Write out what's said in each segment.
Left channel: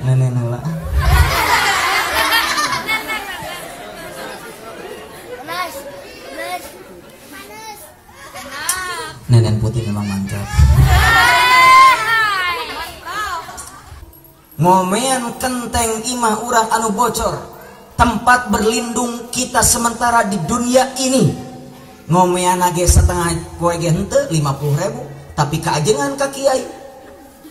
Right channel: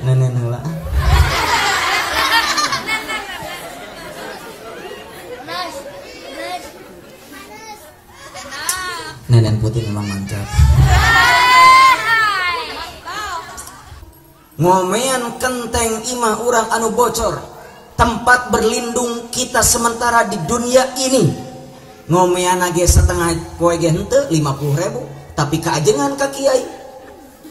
Nenek nela. Nenek putih memang mantap. Ngomean kenteng imah urang anu bocor, tempat berlindung kita sementara di dunia ini. Ngomean age setengah koe ge henteu 50.000, tapi kaajengan ka kiai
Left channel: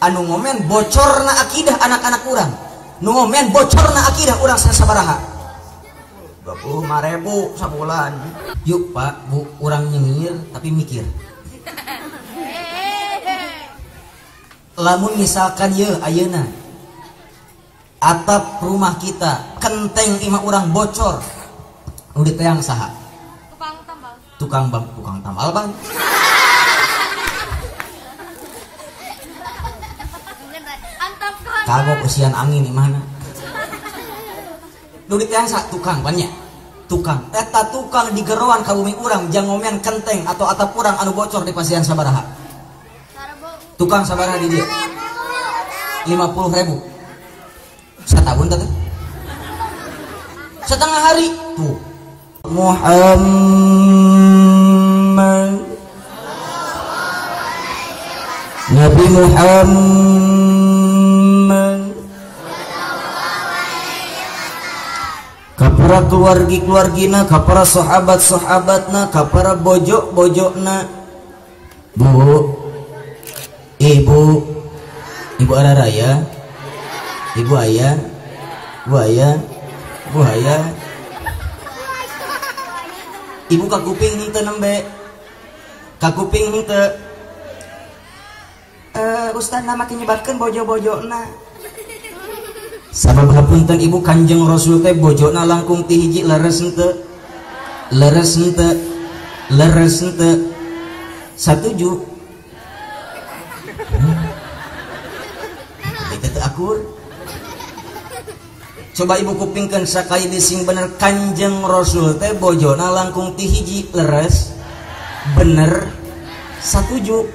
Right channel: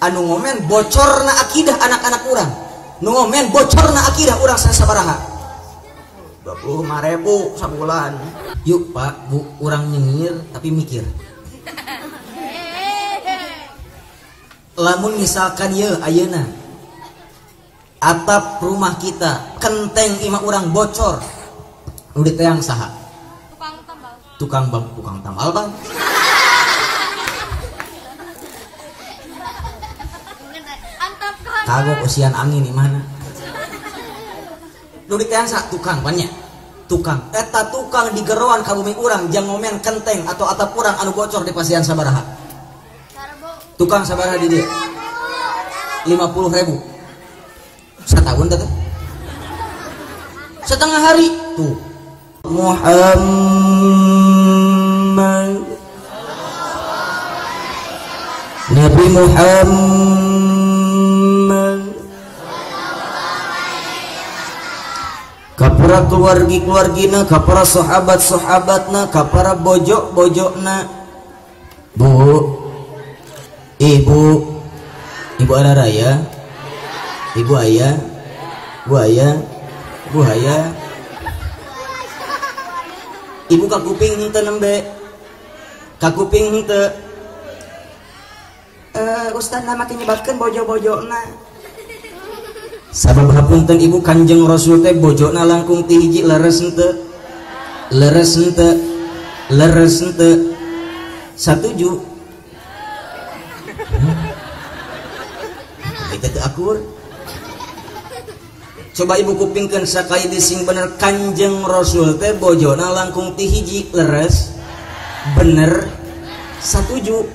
anu ngomen bocorna akidah anak-anak urang, nu ngomen bocorna akidah urang sabaraha 25.000 sabulan. Yuk Pak Bu, urang nyengir tapi mikir. Lamun misalkan ye ayeuna atap rumah kita kenteng imah urang bocor, udah teang saha? Tukang tambal kan? Kagok usian angin di mana? Udah teang saha tukang banyak. Tukang, eta tukang di geroan ka bumi urang jang ngomean kenteng atau atap urang anu bocor di pasian sabaraha? Tukang sabaraha di dia? 50.000. Setahun tadi setengah hari tuh. Muhammad Nabi Muhammad kapara keluargina, kapara sahabat-sahabatna, kapara bojok-bojokna. Bu, ibu araraya, ibu ayah, ibu kakuping henteu nembe, kakuping henteu. Ustadna makin nyebatkeun bojo-bojona. Sabab hapunten ibu Kanjeng Rasul teh bojona langkung ti hiji leres henteu. Satuju. Itu aku. Coba ibu kupingkan sakai sing bener Kanjeng Rasul teh bojona langkung ti hiji leres bener satuju.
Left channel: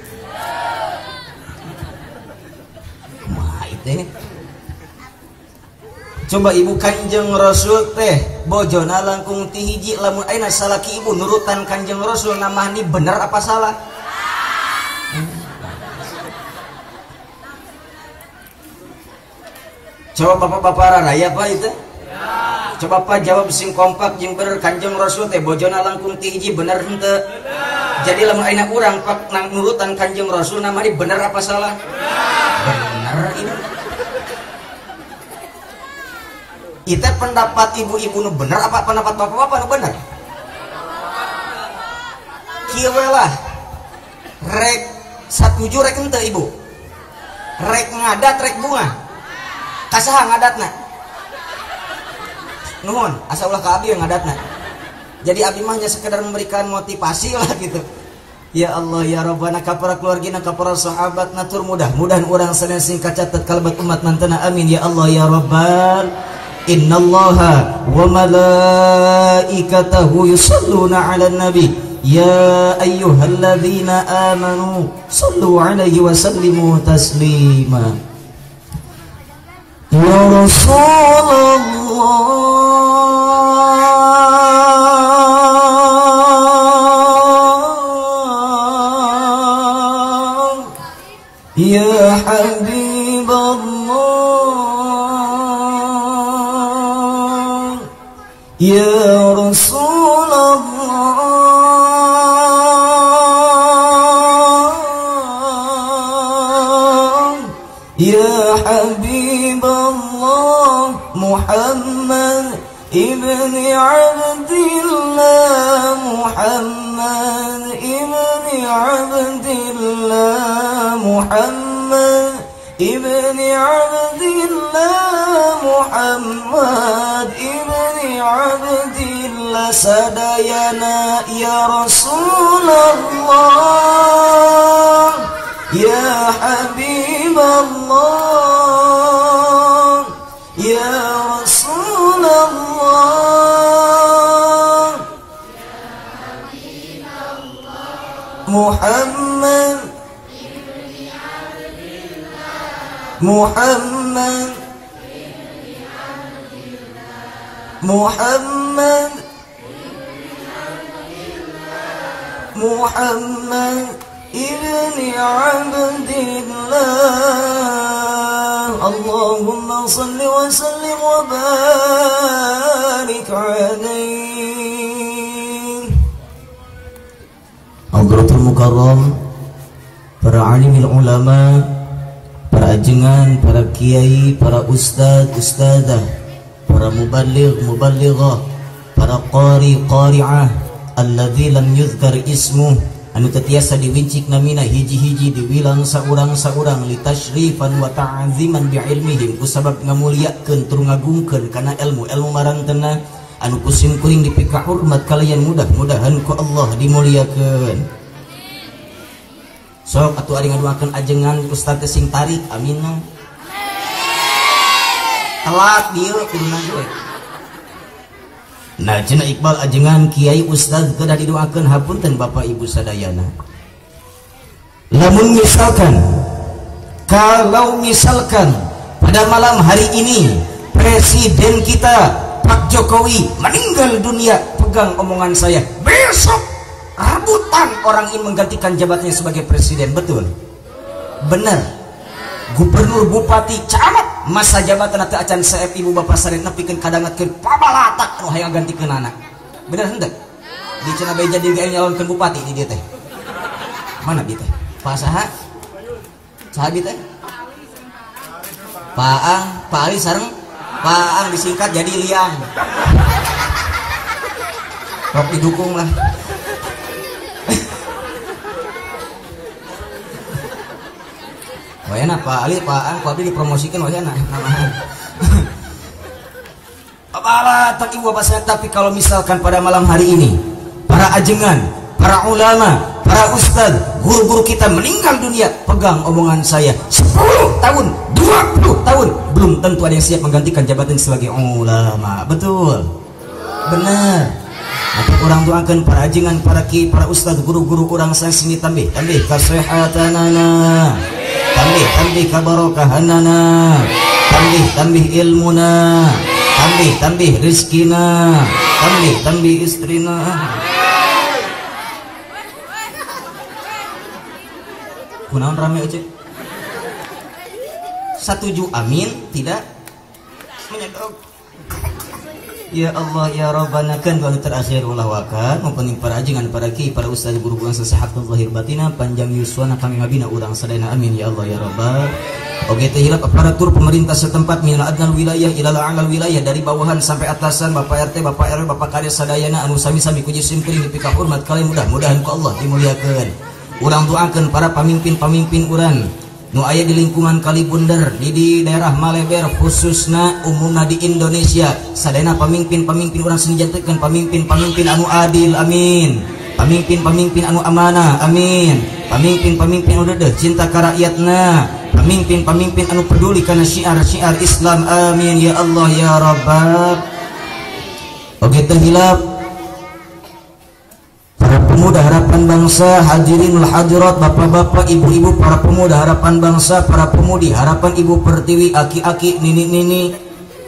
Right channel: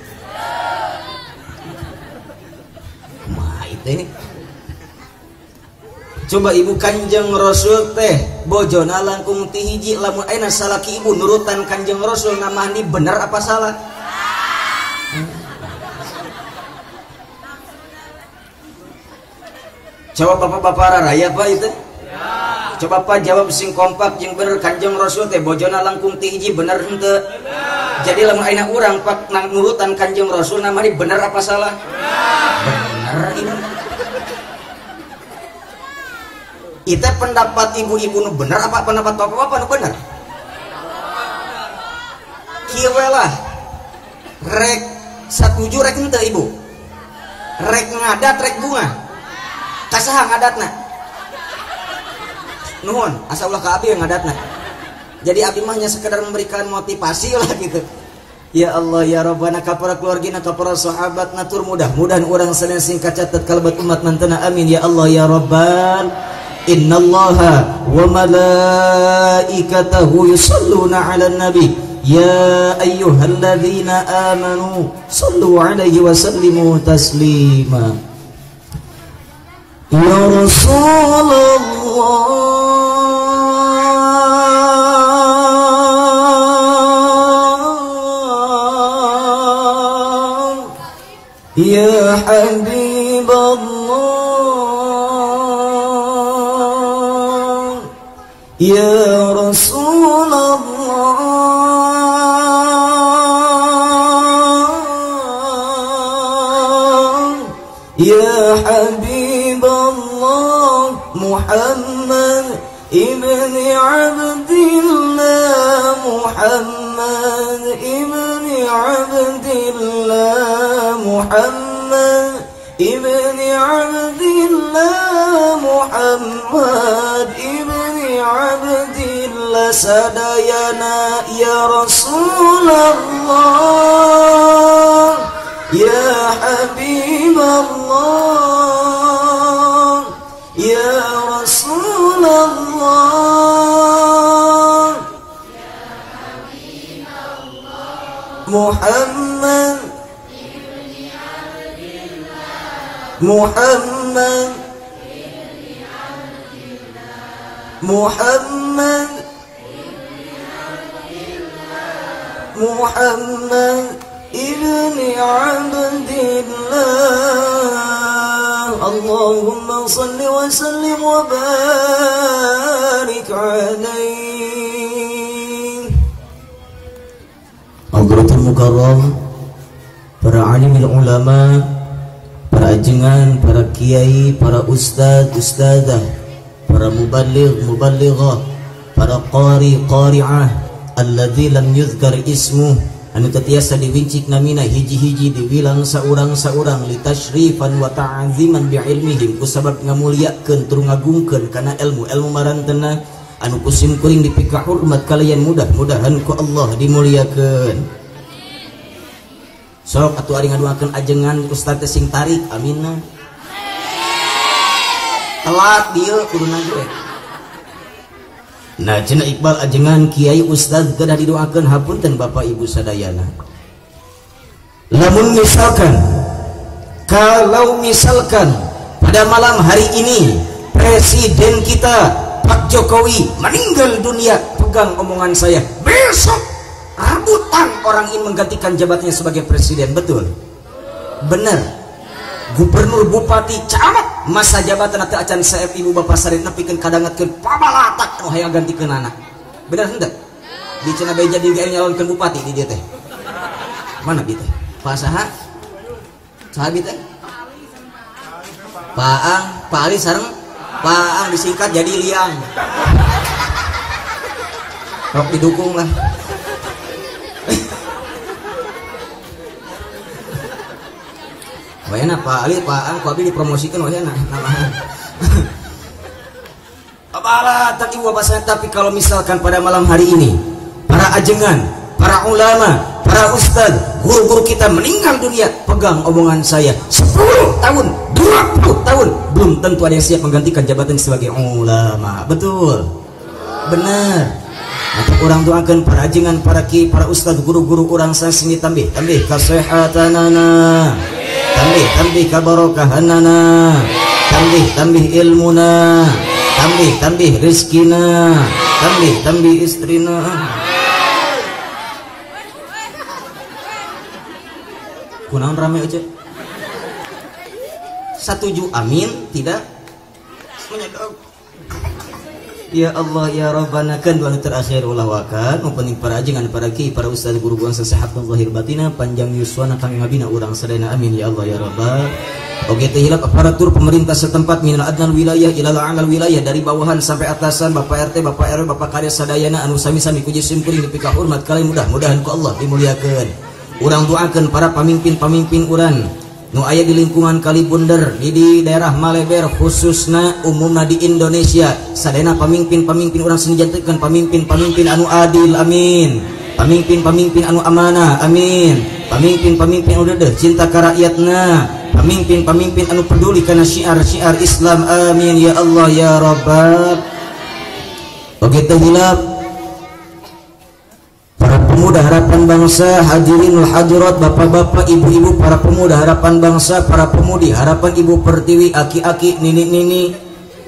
Nah itu. Coba ibu Kanjeng Rasul teh bojona langkung ti hiji lamun ayeuna salaki ibu nurutan Kanjeng Rasul namanya bener apa salah? Coba bapak-bapak raraya Pak itu? Coba Pak jawab sing kompak jeung bener Kanjeng Rasul teh bojona langkung ti hiji bener henteu? Jadi lamun ayeuna urang Pak nang nurutan Kanjeng Rasul namanya bener apa salah? Bener ini. Itu pendapat ibu-ibu nu bener apa pendapat bapak-bapak nu bener? Kieu we lah. Rek satuju rek henteu ibu? Rek ngadat rek bunga. Kasaha ngadatna? Nuhun, asa ulah ka abi yang ngadatna. Jadi abi mah hanya sekedar memberikan motivasi lah gitu. Ya Allah ya Rabbana kapara keluargina kapara sahabat natur mudah-mudahan urang sadaya sing kacatet kalabat umat nantena amin ya Allah ya Rabbal. Innallaha wa malaikatahu yusholluna 'alan nabi ya ayyuhalladzina amanu shallu 'alaihi wa sallimu taslima. Ya Rasulullah ya Habiballah ya Rasulullah ya Habiballah Muhammad ibni Abdillah Muhammad ibni Abdillah Muhammad ibni Abdillah Muhammad ibni Abdillah sadayana ya Rasulullah ya Habiballah ya Rasulullah Muhammad Muhammad ibni Abdillah. Allahumma salli wa sallim wa barik alaihi. Hadratul Mukarram, para alimul ulama, para ajengan, para kiai, para ustaz, ustazah, para muballigh, muballighah, para qari, qari'ah, alladzi lam yuzkar ismuh, anu ketiasa diwincik namina hiji-hiji dibilang saurang-saurang litasyrifan wa ta'aziman bi'ilmihim kusabab ngamuliakeun tur ngagungkeun kana ilmu marantena anu kusim kuring dipika hormat kalian mudah-mudahan ku Allah dimuliakeun. Sok atuh ari ngaduakeun ajengan ustaz teh sing tarik amin. Telat dieu kuduna ge. Nah cenah Iqbal ajengan kiai ustaz kedah didoakeun hapunten Bapak Ibu sadayana. Lamun misalkan kalau misalkan pada malam hari ini presiden kita Pak Jokowi meninggal dunia, pegang omongan saya, besok rabutan orang ingin menggantikan jabatannya sebagai presiden, betul? Benar. Gubernur, bupati, camat masa jabatan atau acan saeb ibu bapak sarit nepikeun kadangetkeun pabalatak nu hayang gantikeun anak. Bener henteu? Di cenah bae jadi gawe nyalonkeun bupati di dieu teh. Mana dieu teh? Pak saha? Saha dieu teh? Paang, Pak Ali sareng Paang disingkat jadi Liang. Kok didukung lah. Wayana Pak Ali, Pak Ang, Pak Ali dipromosikan wayana. Apalah tak ibu bapak saya, tapi kalau misalkan pada malam hari ini para ajengan, para ulama, para ustaz, guru-guru kita meninggal dunia, pegang omongan saya, 10 tahun, 20 tahun belum tentu ada yang siap menggantikan jabatan sebagai ulama. Betul? Benar. Maka orang doakan para ajengan, para ki, para ustaz, guru-guru orang saya sini tambih kasehatanana, tambih kabarokahanana, tambih ilmuna, tambih rizkina, tambih istrina. Kunaon rame aja. Setuju amin? Tidak? Ya Allah ya Rabbana kan wal terakhir ulah wakan mumpuni para ajengan para ki para ustaz guru bangsa sahabat zahir batina panjang yuswana kami ngabina urang sadayana amin ya Allah ya Rabbal. Oke teh hilap aparatur pemerintah setempat minal adnal wilayah ilal a'lal wilayah dari bawahan sampai atasan Bapak RT Bapak RW Bapak Kades sadayana anu sami-sami puji simkuring dipika hormat kalian mudah-mudahan ku Allah dimuliakeun. Urang doakeun para pamimpin-pamimpin urang nu aya di lingkungan Kalibundar di daerah Maleber khususna umumna di Indonesia sadayana pamimpin-pamimpin urang senjantekeun pamimpin-pamimpin anu adil amin, pamimpin-pamimpin anu amanah amin, pamimpin-pamimpin anu deudeuh cinta ka rakyatna, pamimpin-pamimpin anu peduli kana syiar-syiar Islam amin ya Allah ya Rabbab. Oke hilap para pemuda harapan bangsa, hadirinul hadirat, bapak-bapak, ibu-ibu, para pemuda harapan bangsa, para pemudi harapan ibu pertiwi, aki-aki, nini-nini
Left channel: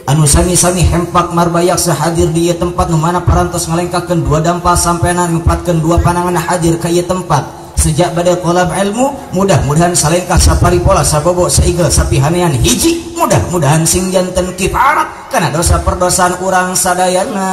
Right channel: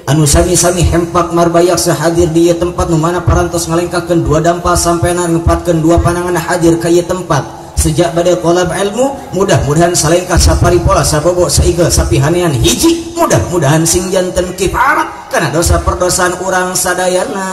anu sami-sami hempak marbayak sahadir di ieu tempat nu mana parantos ngalengkakeun dua dampal sampena ngepatkeun dua panangan hadir ka ieu tempat sejak bade kolab ilmu, mudah-mudahan salengkah sapari pola sabobo saigel sapihanean hiji, mudah-mudahan sing janten kifarat kana dosa perdosaan urang sadayana.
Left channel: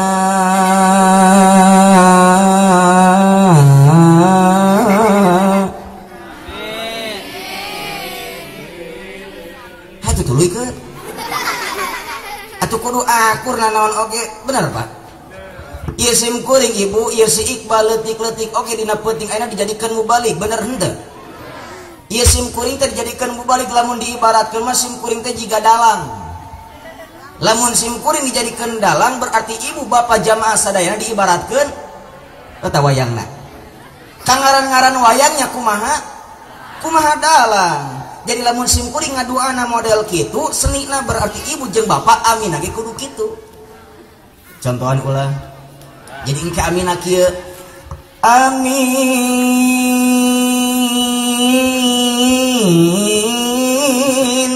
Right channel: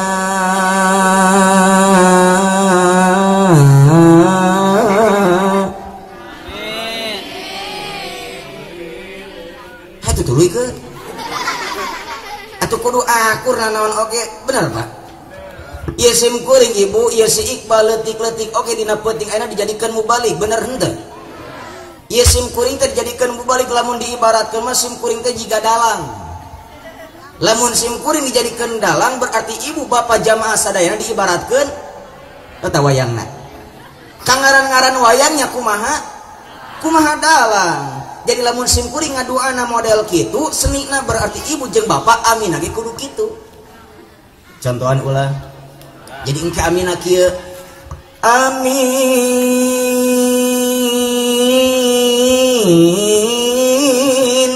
Atuh kudu akur nanaon oge bener Pak. Ieu sim kuring ibu, ieu si Iqbal leutik-leutik oge dina peuting ayeuna dijadikeun mubalik bener henteu? Ieu sim kuring teh dijadikeun mubalik lamun diibaratkeun mah sim kuring teh jiga dalang. Lamun sim kuring dijadikeun dalang berarti ibu bapak jamaah sadayana diibaratkeun eta wayangna. Kangaran-ngaran wayangnya kumaha? Kumaha dalang. Jadi lamun sim kuring ngaduana model kitu senina berarti ibu jeung bapak amin lagi kudu kitu. Contohan ulah. Jadi engke amin kieu. Amin.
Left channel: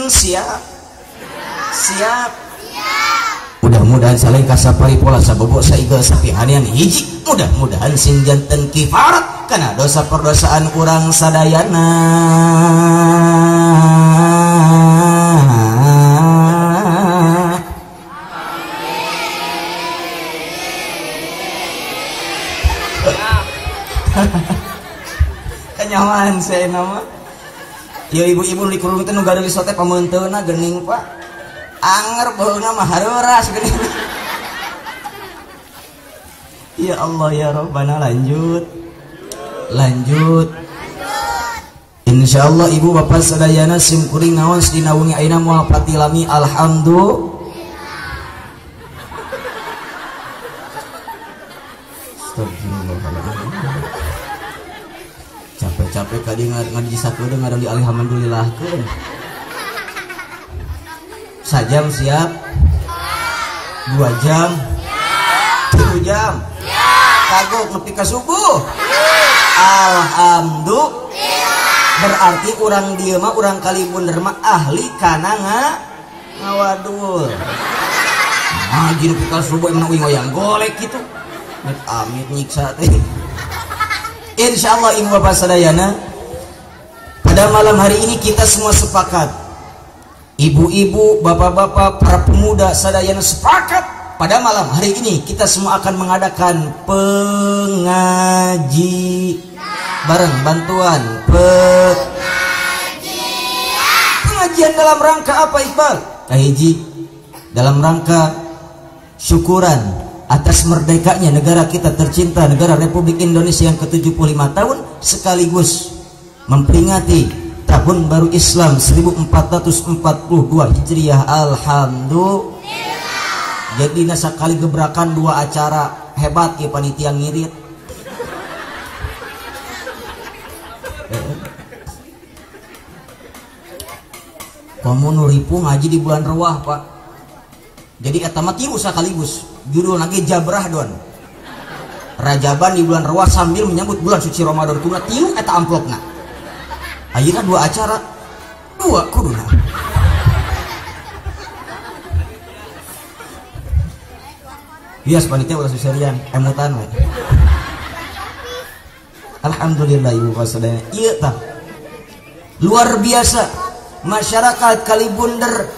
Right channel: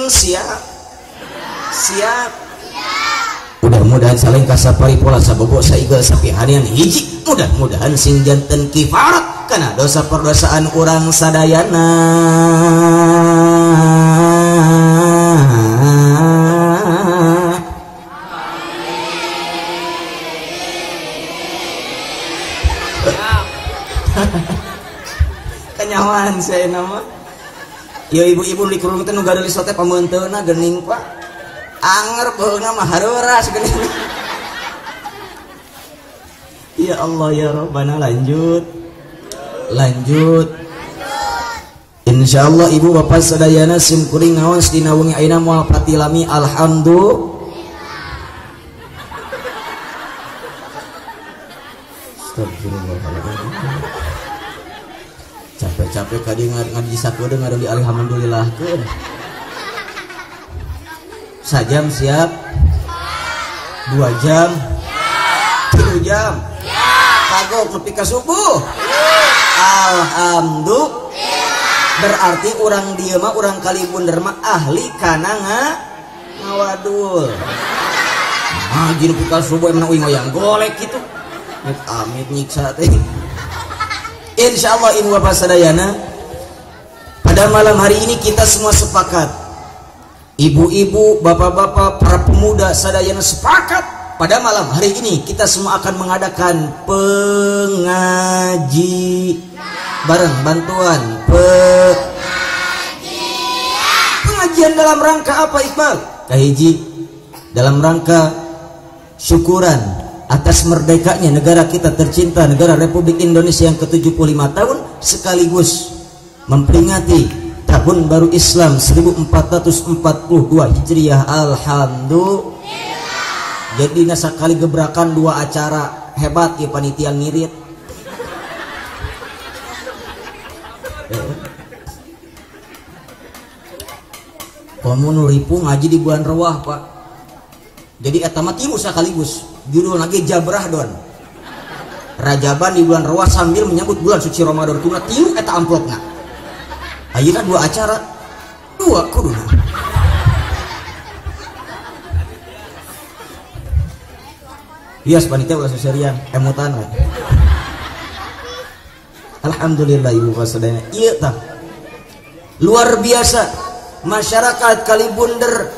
Siap. Siap. Mudah-mudahan saling kasapari pola sabogo saigel sapi harian hiji. Mudah-mudahan sing janten kifarat kana dosa perdosaan urang sadayana. Kenyaman saya nama. Ya ibu-ibu di kurung itu nu gadeuli sote pamunteuna geuning Pak. Anger baheuna mah hareura segeuning. Ya Allah ya Rabbana, lanjut. Insyaallah ibu bapak sadayana sim kuring naon dina wengi ayeuna moal patilami alhamdulillah. Capek-capek ka dieu ngadi sakudeung ngaran di alhamdulillahkeun. Sajam siap? 2 jam? 3 jam? Kagok nepi ka subuh? Alhamdulillah. Berarti urang dieu mah urang Kalibunder mah ahli kana ngawadur. Jadi ka subuh na uing oyang golek kitu. Amit nyiksa teh. Insyaallah ibu bapak sadayana, pada malam hari ini kita semua sepakat, ibu-ibu, bapak-bapak, para pemuda sadayana sepakat, pada malam hari ini kita semua akan mengadakan bareng bantuan pengajian dalam rangka apa Iqbal? Kahiji dalam rangka syukuran atas merdekanya negara kita tercinta, negara Republik Indonesia yang ke-75 tahun, sekaligus memperingati tahun baru Islam 1442 Hijriah. Alhamdulillah. Jadi nasa kali gebrakan 2 acara hebat ya panitia ngirit. Komun ripu ngaji di bulan Rewah Pak. Jadi eta mah tilu sakaligus. Judul lagi Jabrah don. Rajaban di bulan Rewah sambil menyambut bulan suci Ramadan tuna tilu eta amplopna. Ayeuna 2 acara 2 kuduna. Bias panitia ulah seserian emutan we. Alhamdulillah ibu sadayana. Ieu tah. Luar biasa masyarakat Kalibunder.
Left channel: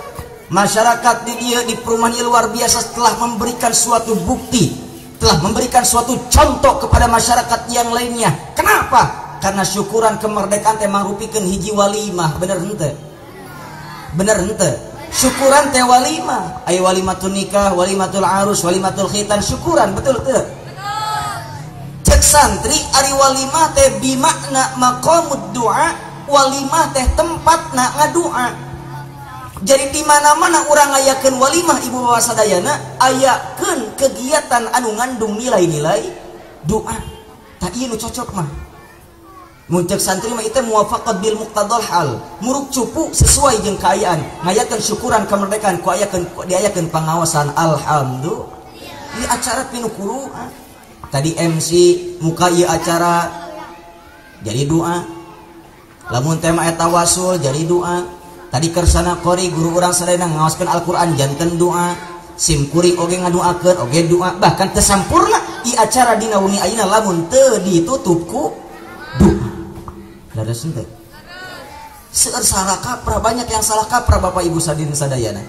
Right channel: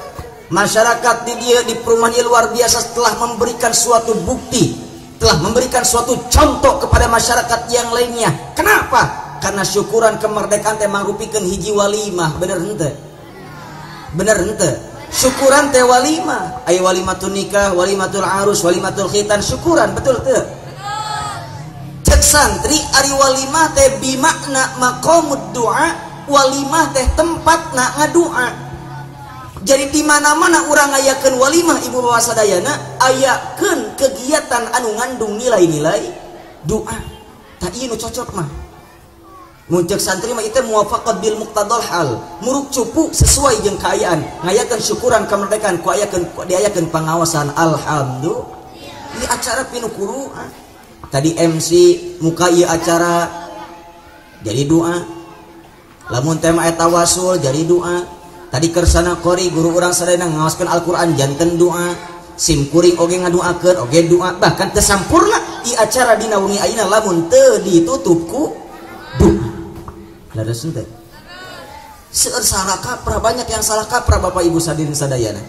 Masyarakat di perumahan luar biasa telah memberikan suatu bukti, telah memberikan suatu contoh kepada masyarakat yang lainnya. Kenapa? Karena syukuran kemerdekaan teh mangrupikeun hiji walimah, bener henteu? Bener henteu? Syukuran teh walimah, aya walimatul nikah, walimatul arus, walimatul khitan, syukuran betul teu? Cek santri ari walimah teh bimakna maqamud du'a, walimah teh tempatna ngadoa. Jadi di mana-mana orang ayakeun walimah ibu bapak sadayana, ayakeun kegiatan anu ngandung nilai-nilai doa. Tah ieu nu cocok mah. Mun ceuk santri mah ieu muwafaqat bil muqtadal hal, muruk cupu sesuai jeung kaayaan, ngayakeun syukuran kemerdekaan ku diayakeun pangaosan alhamdulillah. Ieu acara pinu Quran. Tadi MC muka ieu acara jadi doa. Lamun tema eta wasul jadi doa. Tadi kersana kori guru orang sadayana ngaoskeun Al-Qur'an janten doa, sim kuring oge ngadoakeun oge doa, bahkan teu sampurna di acara dina wengi ayeuna lamun teu ditutup ku doa. Laras teh. Seueur salah kaprah, banyak yang salah kaprah Bapak Ibu sadirin sadayana.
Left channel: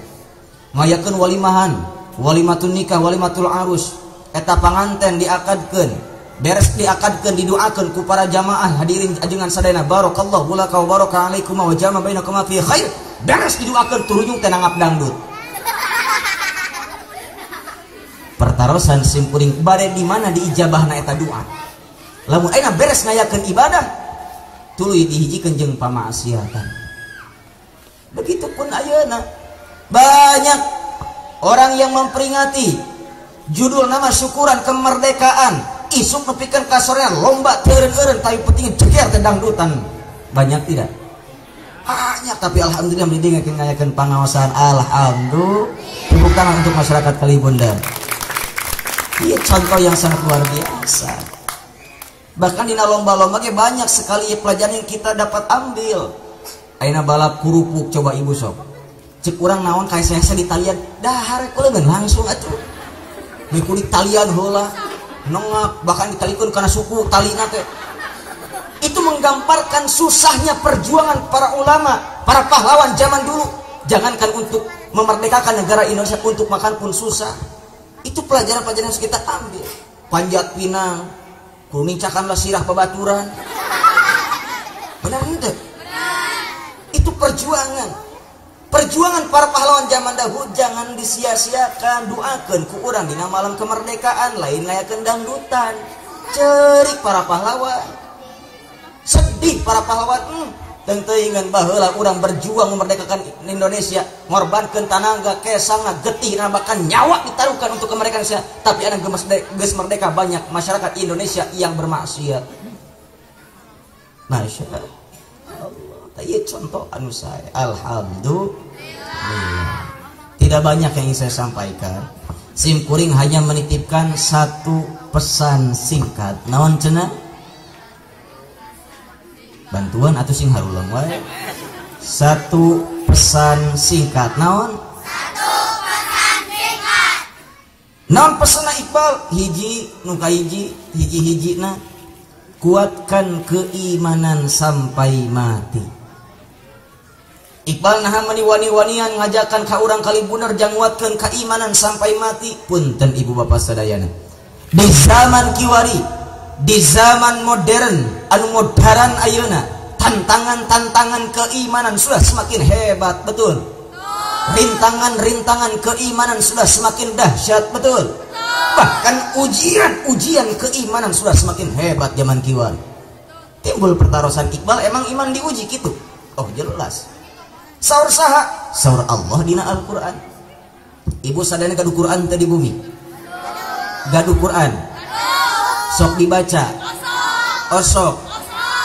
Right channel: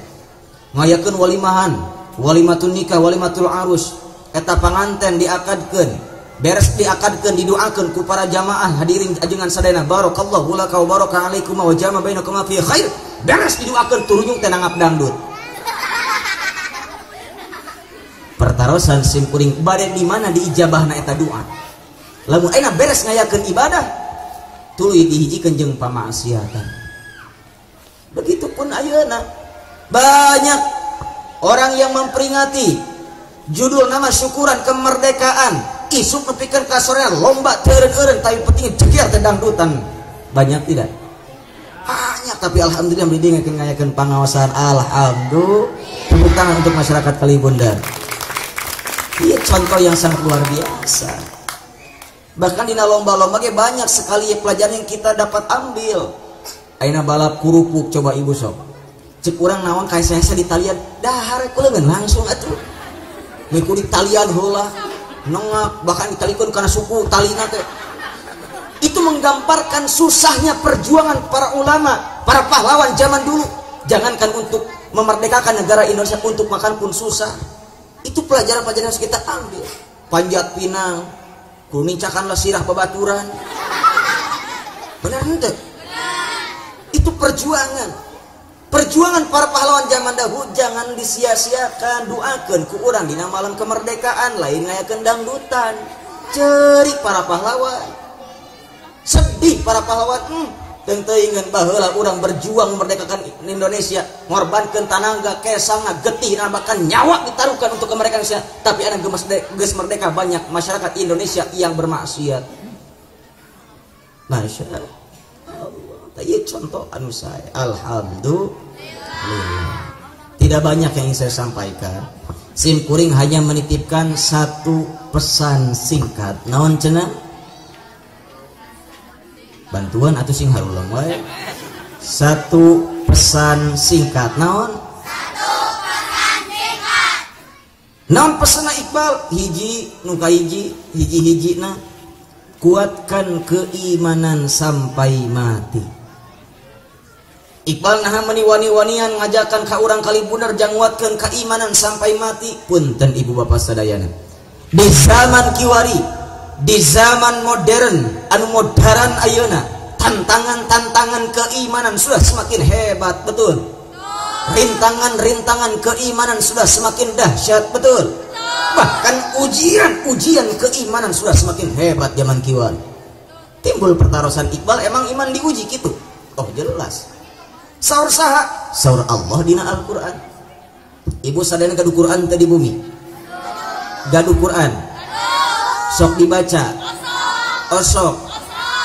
Ngayakeun walimahan, walimatul nikah, walimatul arus, eta panganten diakadkeun. Beres diakadkeun didoakeun ku para jamaah hadirin ajengan sadayana barakallahu laka wa baraka alaikum wa jama bainakum fi khair. Beres didoakeun turunjung teh nangap dangdut. Pertarosan sim kuring bade di mana diijabahna eta doa. Lamun ayeuna beres ngayakeun ibadah tuluy dihijikeun jeung pamaksiatan. Begitupun ayeuna banyak orang yang memperingati judul nama syukuran kemerdekaan. Isuk nepikeun ka sorean lomba teureun-eureun tapi penting jeger teh dangdutan. Banyak tidak? Banyak, tapi alhamdulillah mendingan ngayakeun pangaosan alhamdulillah. Tepuk tangan untuk masyarakat Kalibunder. Ini contoh yang sangat luar biasa. Bahkan di lomba-lomba banyak sekali pelajaran yang kita dapat ambil. Ayeuna balap kurupuk coba ibu sok. Cek urang naon kayak saya di talian dahar kuleungeun langsung atuh miku di talian heula nengak bahkan ditalikeun kana suku talina teh. Itu menggambarkan susahnya perjuangan para ulama, para pahlawan zaman dulu. Jangankan untuk memerdekakan negara Indonesia, untuk makan pun susah. Itu pelajaran-pelajaran yang harus kita ambil. Panjat pinang, kunincakanlah sirah babaturan. Benar ente? Itu perjuangan. Perjuangan para pahlawan zaman dahulu jangan disia-siakan. Doakeun ku urang dina malam kemerdekaan, lain ngayakeun dangdutan. Cerik para pahlawan. Sedih para pahlawan. Tentu ingin baheula urang berjuang memerdekakan Indonesia, ngorbankeun tanaga, kesangna, getihna, bahkan nyawa ditaruhkan untuk kemerdekaan Indonesia. Tapi ada geus merdeka banyak masyarakat Indonesia yang bermaksiat. Masya Allah. Tadi contoh anu saya. Alhamdulillah. Tidak banyak yang ingin saya sampaikan. Sim kuring hanya menitipkan satu pesan singkat. Naon cenah? Bantuan atau sing harulang wae. Satu pesan singkat. Naon? Satu pesan singkat. Naon pesanna Iqbal? Hiji nu hiji-hijina kuatkan keimanan sampai mati. Iqbal naha meniwani-wanian ngajakan ka urang kalibunar jang nguatkeun keimanan sampai mati. Punten ibu bapak sadayana. Di zaman kiwari, di zaman modern, anu modern ayeuna, tantangan-tantangan keimanan sudah semakin hebat, betul. Rintangan-rintangan keimanan sudah semakin dahsyat, betul. Bahkan ujian keimanan sudah semakin hebat zaman kiwari. Timbul pertarusan Iqbal, emang iman diuji gitu? Oh jelas. Saur saha? Saur Allah dina Al-Quran. Ibu sadana gaduh Quran tadi bumi. Gaduh Quran. Sok dibaca. Osok.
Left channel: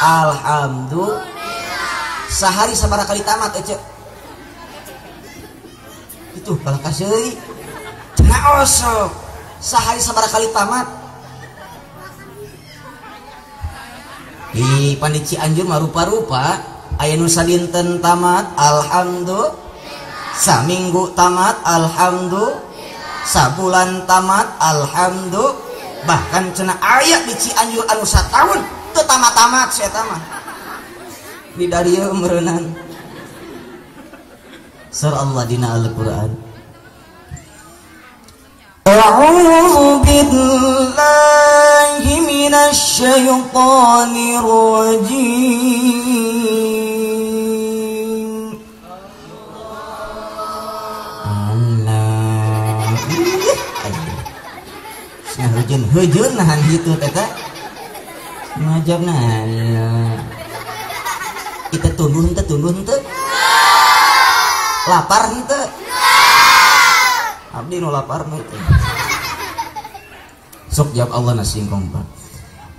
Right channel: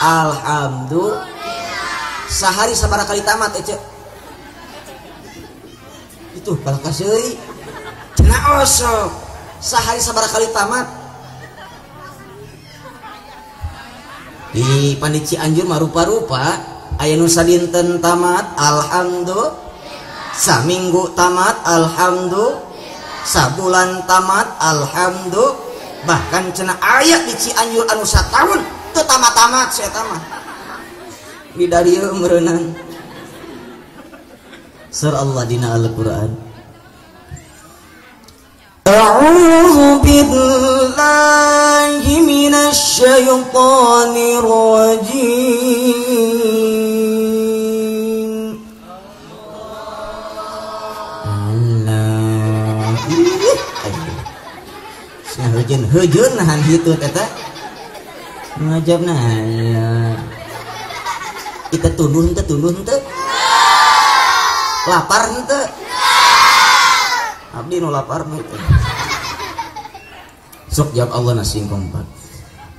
Alhamdulillah. Sehari sabaraha kali tamat ece. Itu kalau kasih. Cenah osok. Sehari sabaraha kali tamat. Di Pandi Cianjur mah rupa-rupa. Aya nu sadinten tamat alhamdulillah, saminggu tamat alhamdulillah, sabulan tamat alhamdulillah, bahkan cenah aya di Cianjur anu satahun teu tamat-tamat saya tamat. Di darieu meureunang. Surah Allah dina Al-Qur'an. A'udzu billahi minasy syaithanir rajim. Hujun nahan gitu teta ngajab nahan kita tuluh ente lapar ente abdi nu lapar mah itu sok jawab Allah nasi kompak.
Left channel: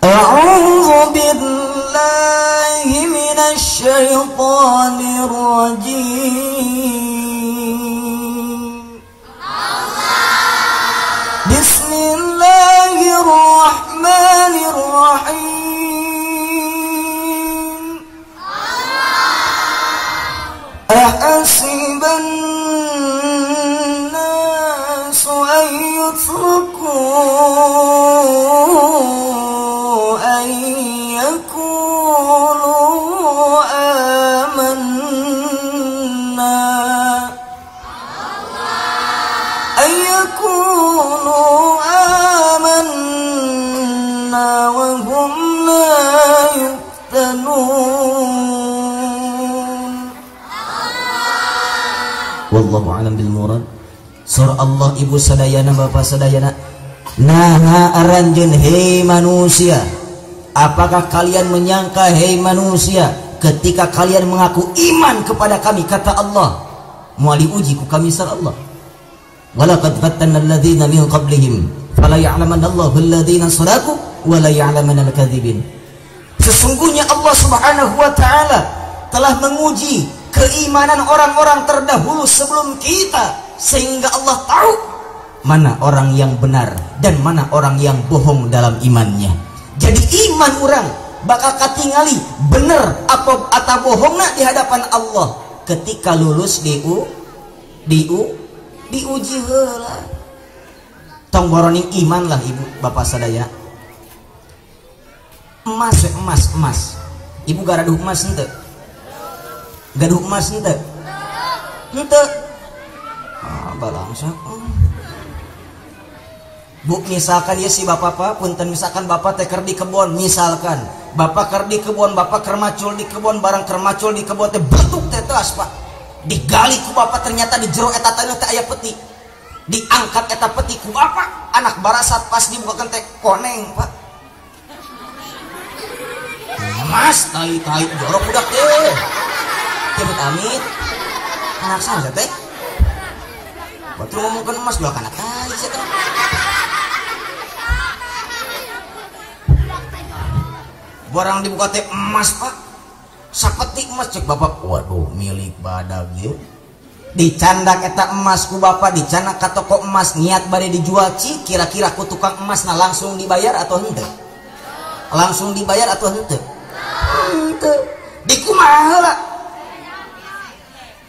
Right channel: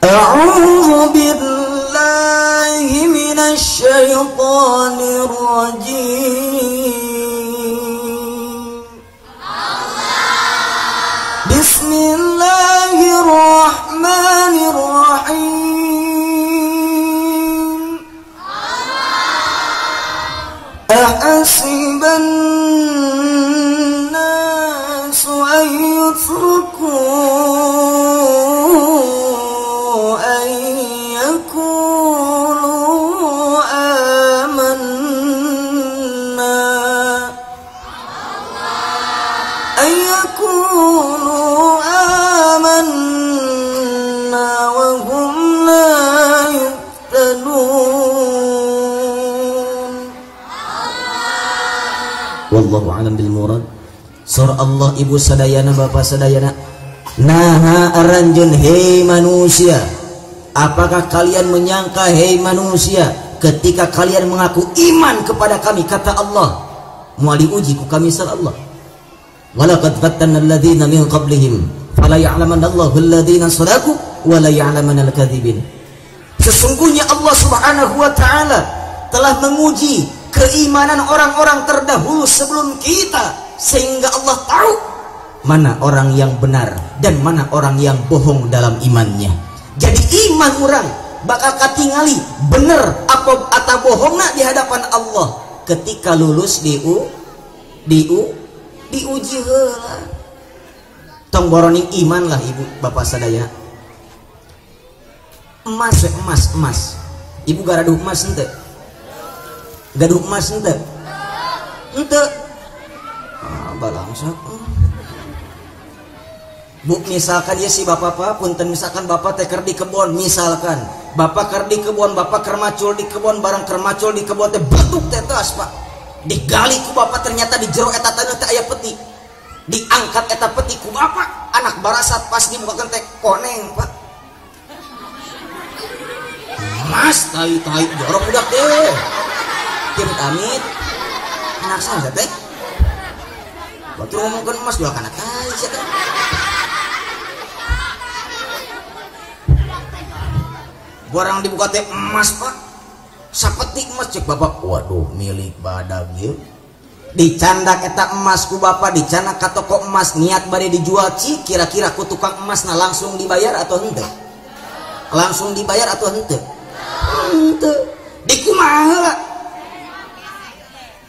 A'udzu billahi minasy syaithanir rajim. Bismillahirrahmanirrahim. Ahasiban nasu an yutraku an yakulu amanna an yakulu wallahu a'lam bil murad. Surah Allah ibu sadayana bapak sadayana. Naha aranjeun hei manusia, apakah kalian menyangka hei manusia ketika kalian mengaku iman kepada kami kata Allah mau diuji ku kami sar Allah. Walaqad fatanna alladziina min qablihim fala ya'lamanna Allahu alladziina sadaqu wa la ya'lamanna al-kadzibin. Sesungguhnya Allah Subhanahu wa taala telah menguji keimanan orang-orang terdahulu sebelum kita sehingga Allah tahu mana orang yang benar dan mana orang yang bohong dalam imannya. Jadi iman orang bakal katingali bener atau bohongna di hadapan Allah ketika lulus di diuji heula. Tong boroning iman lah ibu bapak sadaya. Emas. Ibu gaduh emas henteu? Gaduh emas henteu? Henteu. Balangsa. Bu, misalkan ya si bapak punten misalkan bapak teh keur di kebon, misalkan bapak keur di kebon, bapak keur macul di kebon, barang keur macul di kebon teh bentuk teh teras Pak. Digali ku bapak ternyata di jero eta teh aya peti. Diangkat eta peti ku bapak, anak barasat pas dibukakeun teh koneng Pak. Mas tai jorok budak teh. Amit anak saya teh. Waktu ngomongkan emas dua kana tai sia teh. Barang dibuka teh emas Pak, sapetik emas cek bapak, waduh milik badag ya. Dicandak eta emas ku bapak, dicandak ka toko emas niat bade dijual cik, kira-kira ku tukang emas langsung dibayar atau henteu? Langsung dibayar atau henteu? Henteu. Dikumaha heula?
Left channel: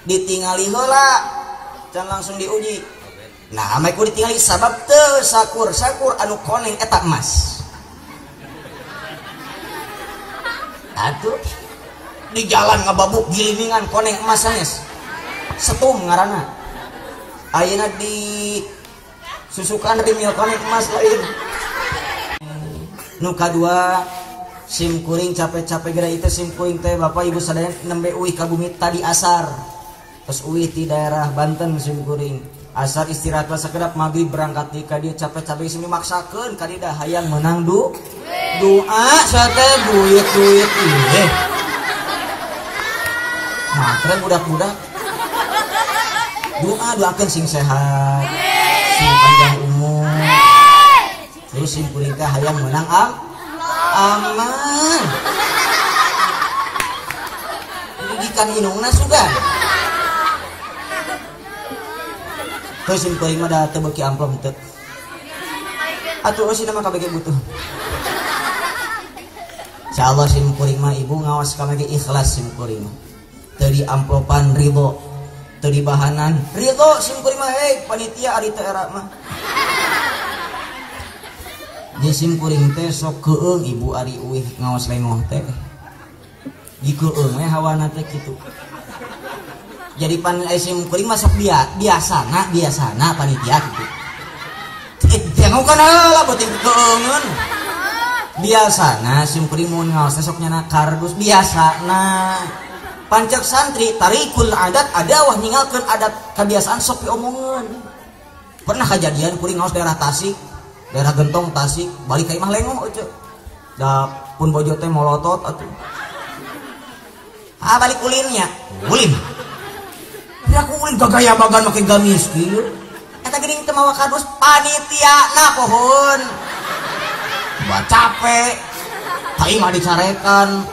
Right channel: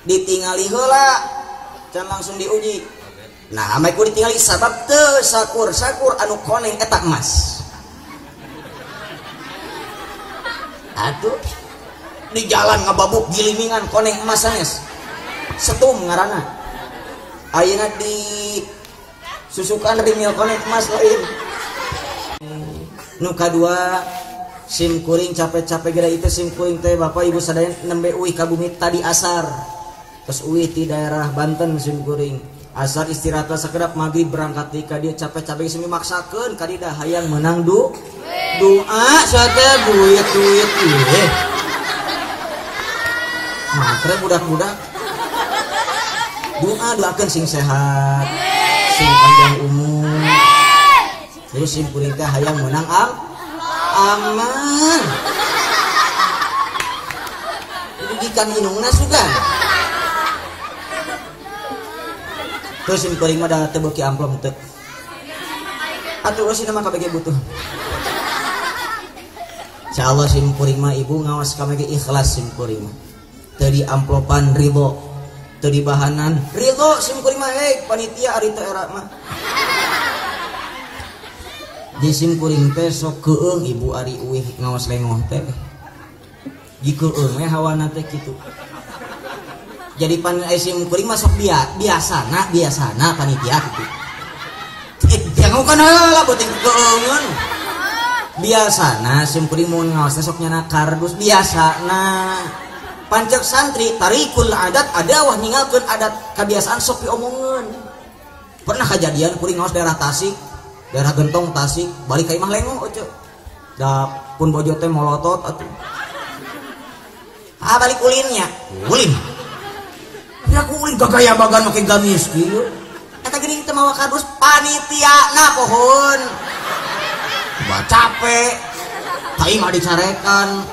Ditingali heula, can langsung diuji. Nah, ame ku ditingali sabab teu sakur anu koneng eta emas. Aduh, di jalan ngababuk gilimingan koneng emas sanes. Setum ngaranna. Ayeuna di susukan rimil koneng emas lain. Nu kadua sim kuring capek-capek geura itu sim kuring teh Bapak Ibu sadaya nembe uih ka bumi tadi asar. Terus uih di daerah Banten sim kuring. Asar istirahat sakedap maghrib berangkat ka dia capek-capek sing maksakeun ka dieu hayang menang doa sate duit matre budak-budak doakeun sing sehat sing panjang umur terus sing kuring teh hayang menang aman rugikan inungna sugan terus sing kuring mah da teu beuki amplop teu atuh usina mah kabege butuh. Insyaallah sim kuring mah ibu ngawas ka mage ikhlas sim kuring. Teu di amplopan ribo, teu di bahanan ridho sim kuring mah panitia ari teu era mah. Di sim kuring teh sok keueung ibu ari uih ngawas lengoh teh. Di keueung we hawana teh kitu. Jadi pan sim kuring mah sok biasana panitia kitu. Jangan kan lah buat keueungeun. Biasana sim kuring mun ngaos sok nyana kardus biasana pancak santri tarikul adat ada wah ningalkeun adat kebiasaan sok diomongkeun. Pernah kejadian kuring ngaos daerah Tasik, daerah Gentong Tasik, balik ka imah lengoh oce. Da pun bojo teh molotot atuh. Balik ulin. Ya ulin gagaya bagan make gamis kieu. Eta geuning teu mawa kardus panitiana pohon. Bah capek, aing mah dicarekan,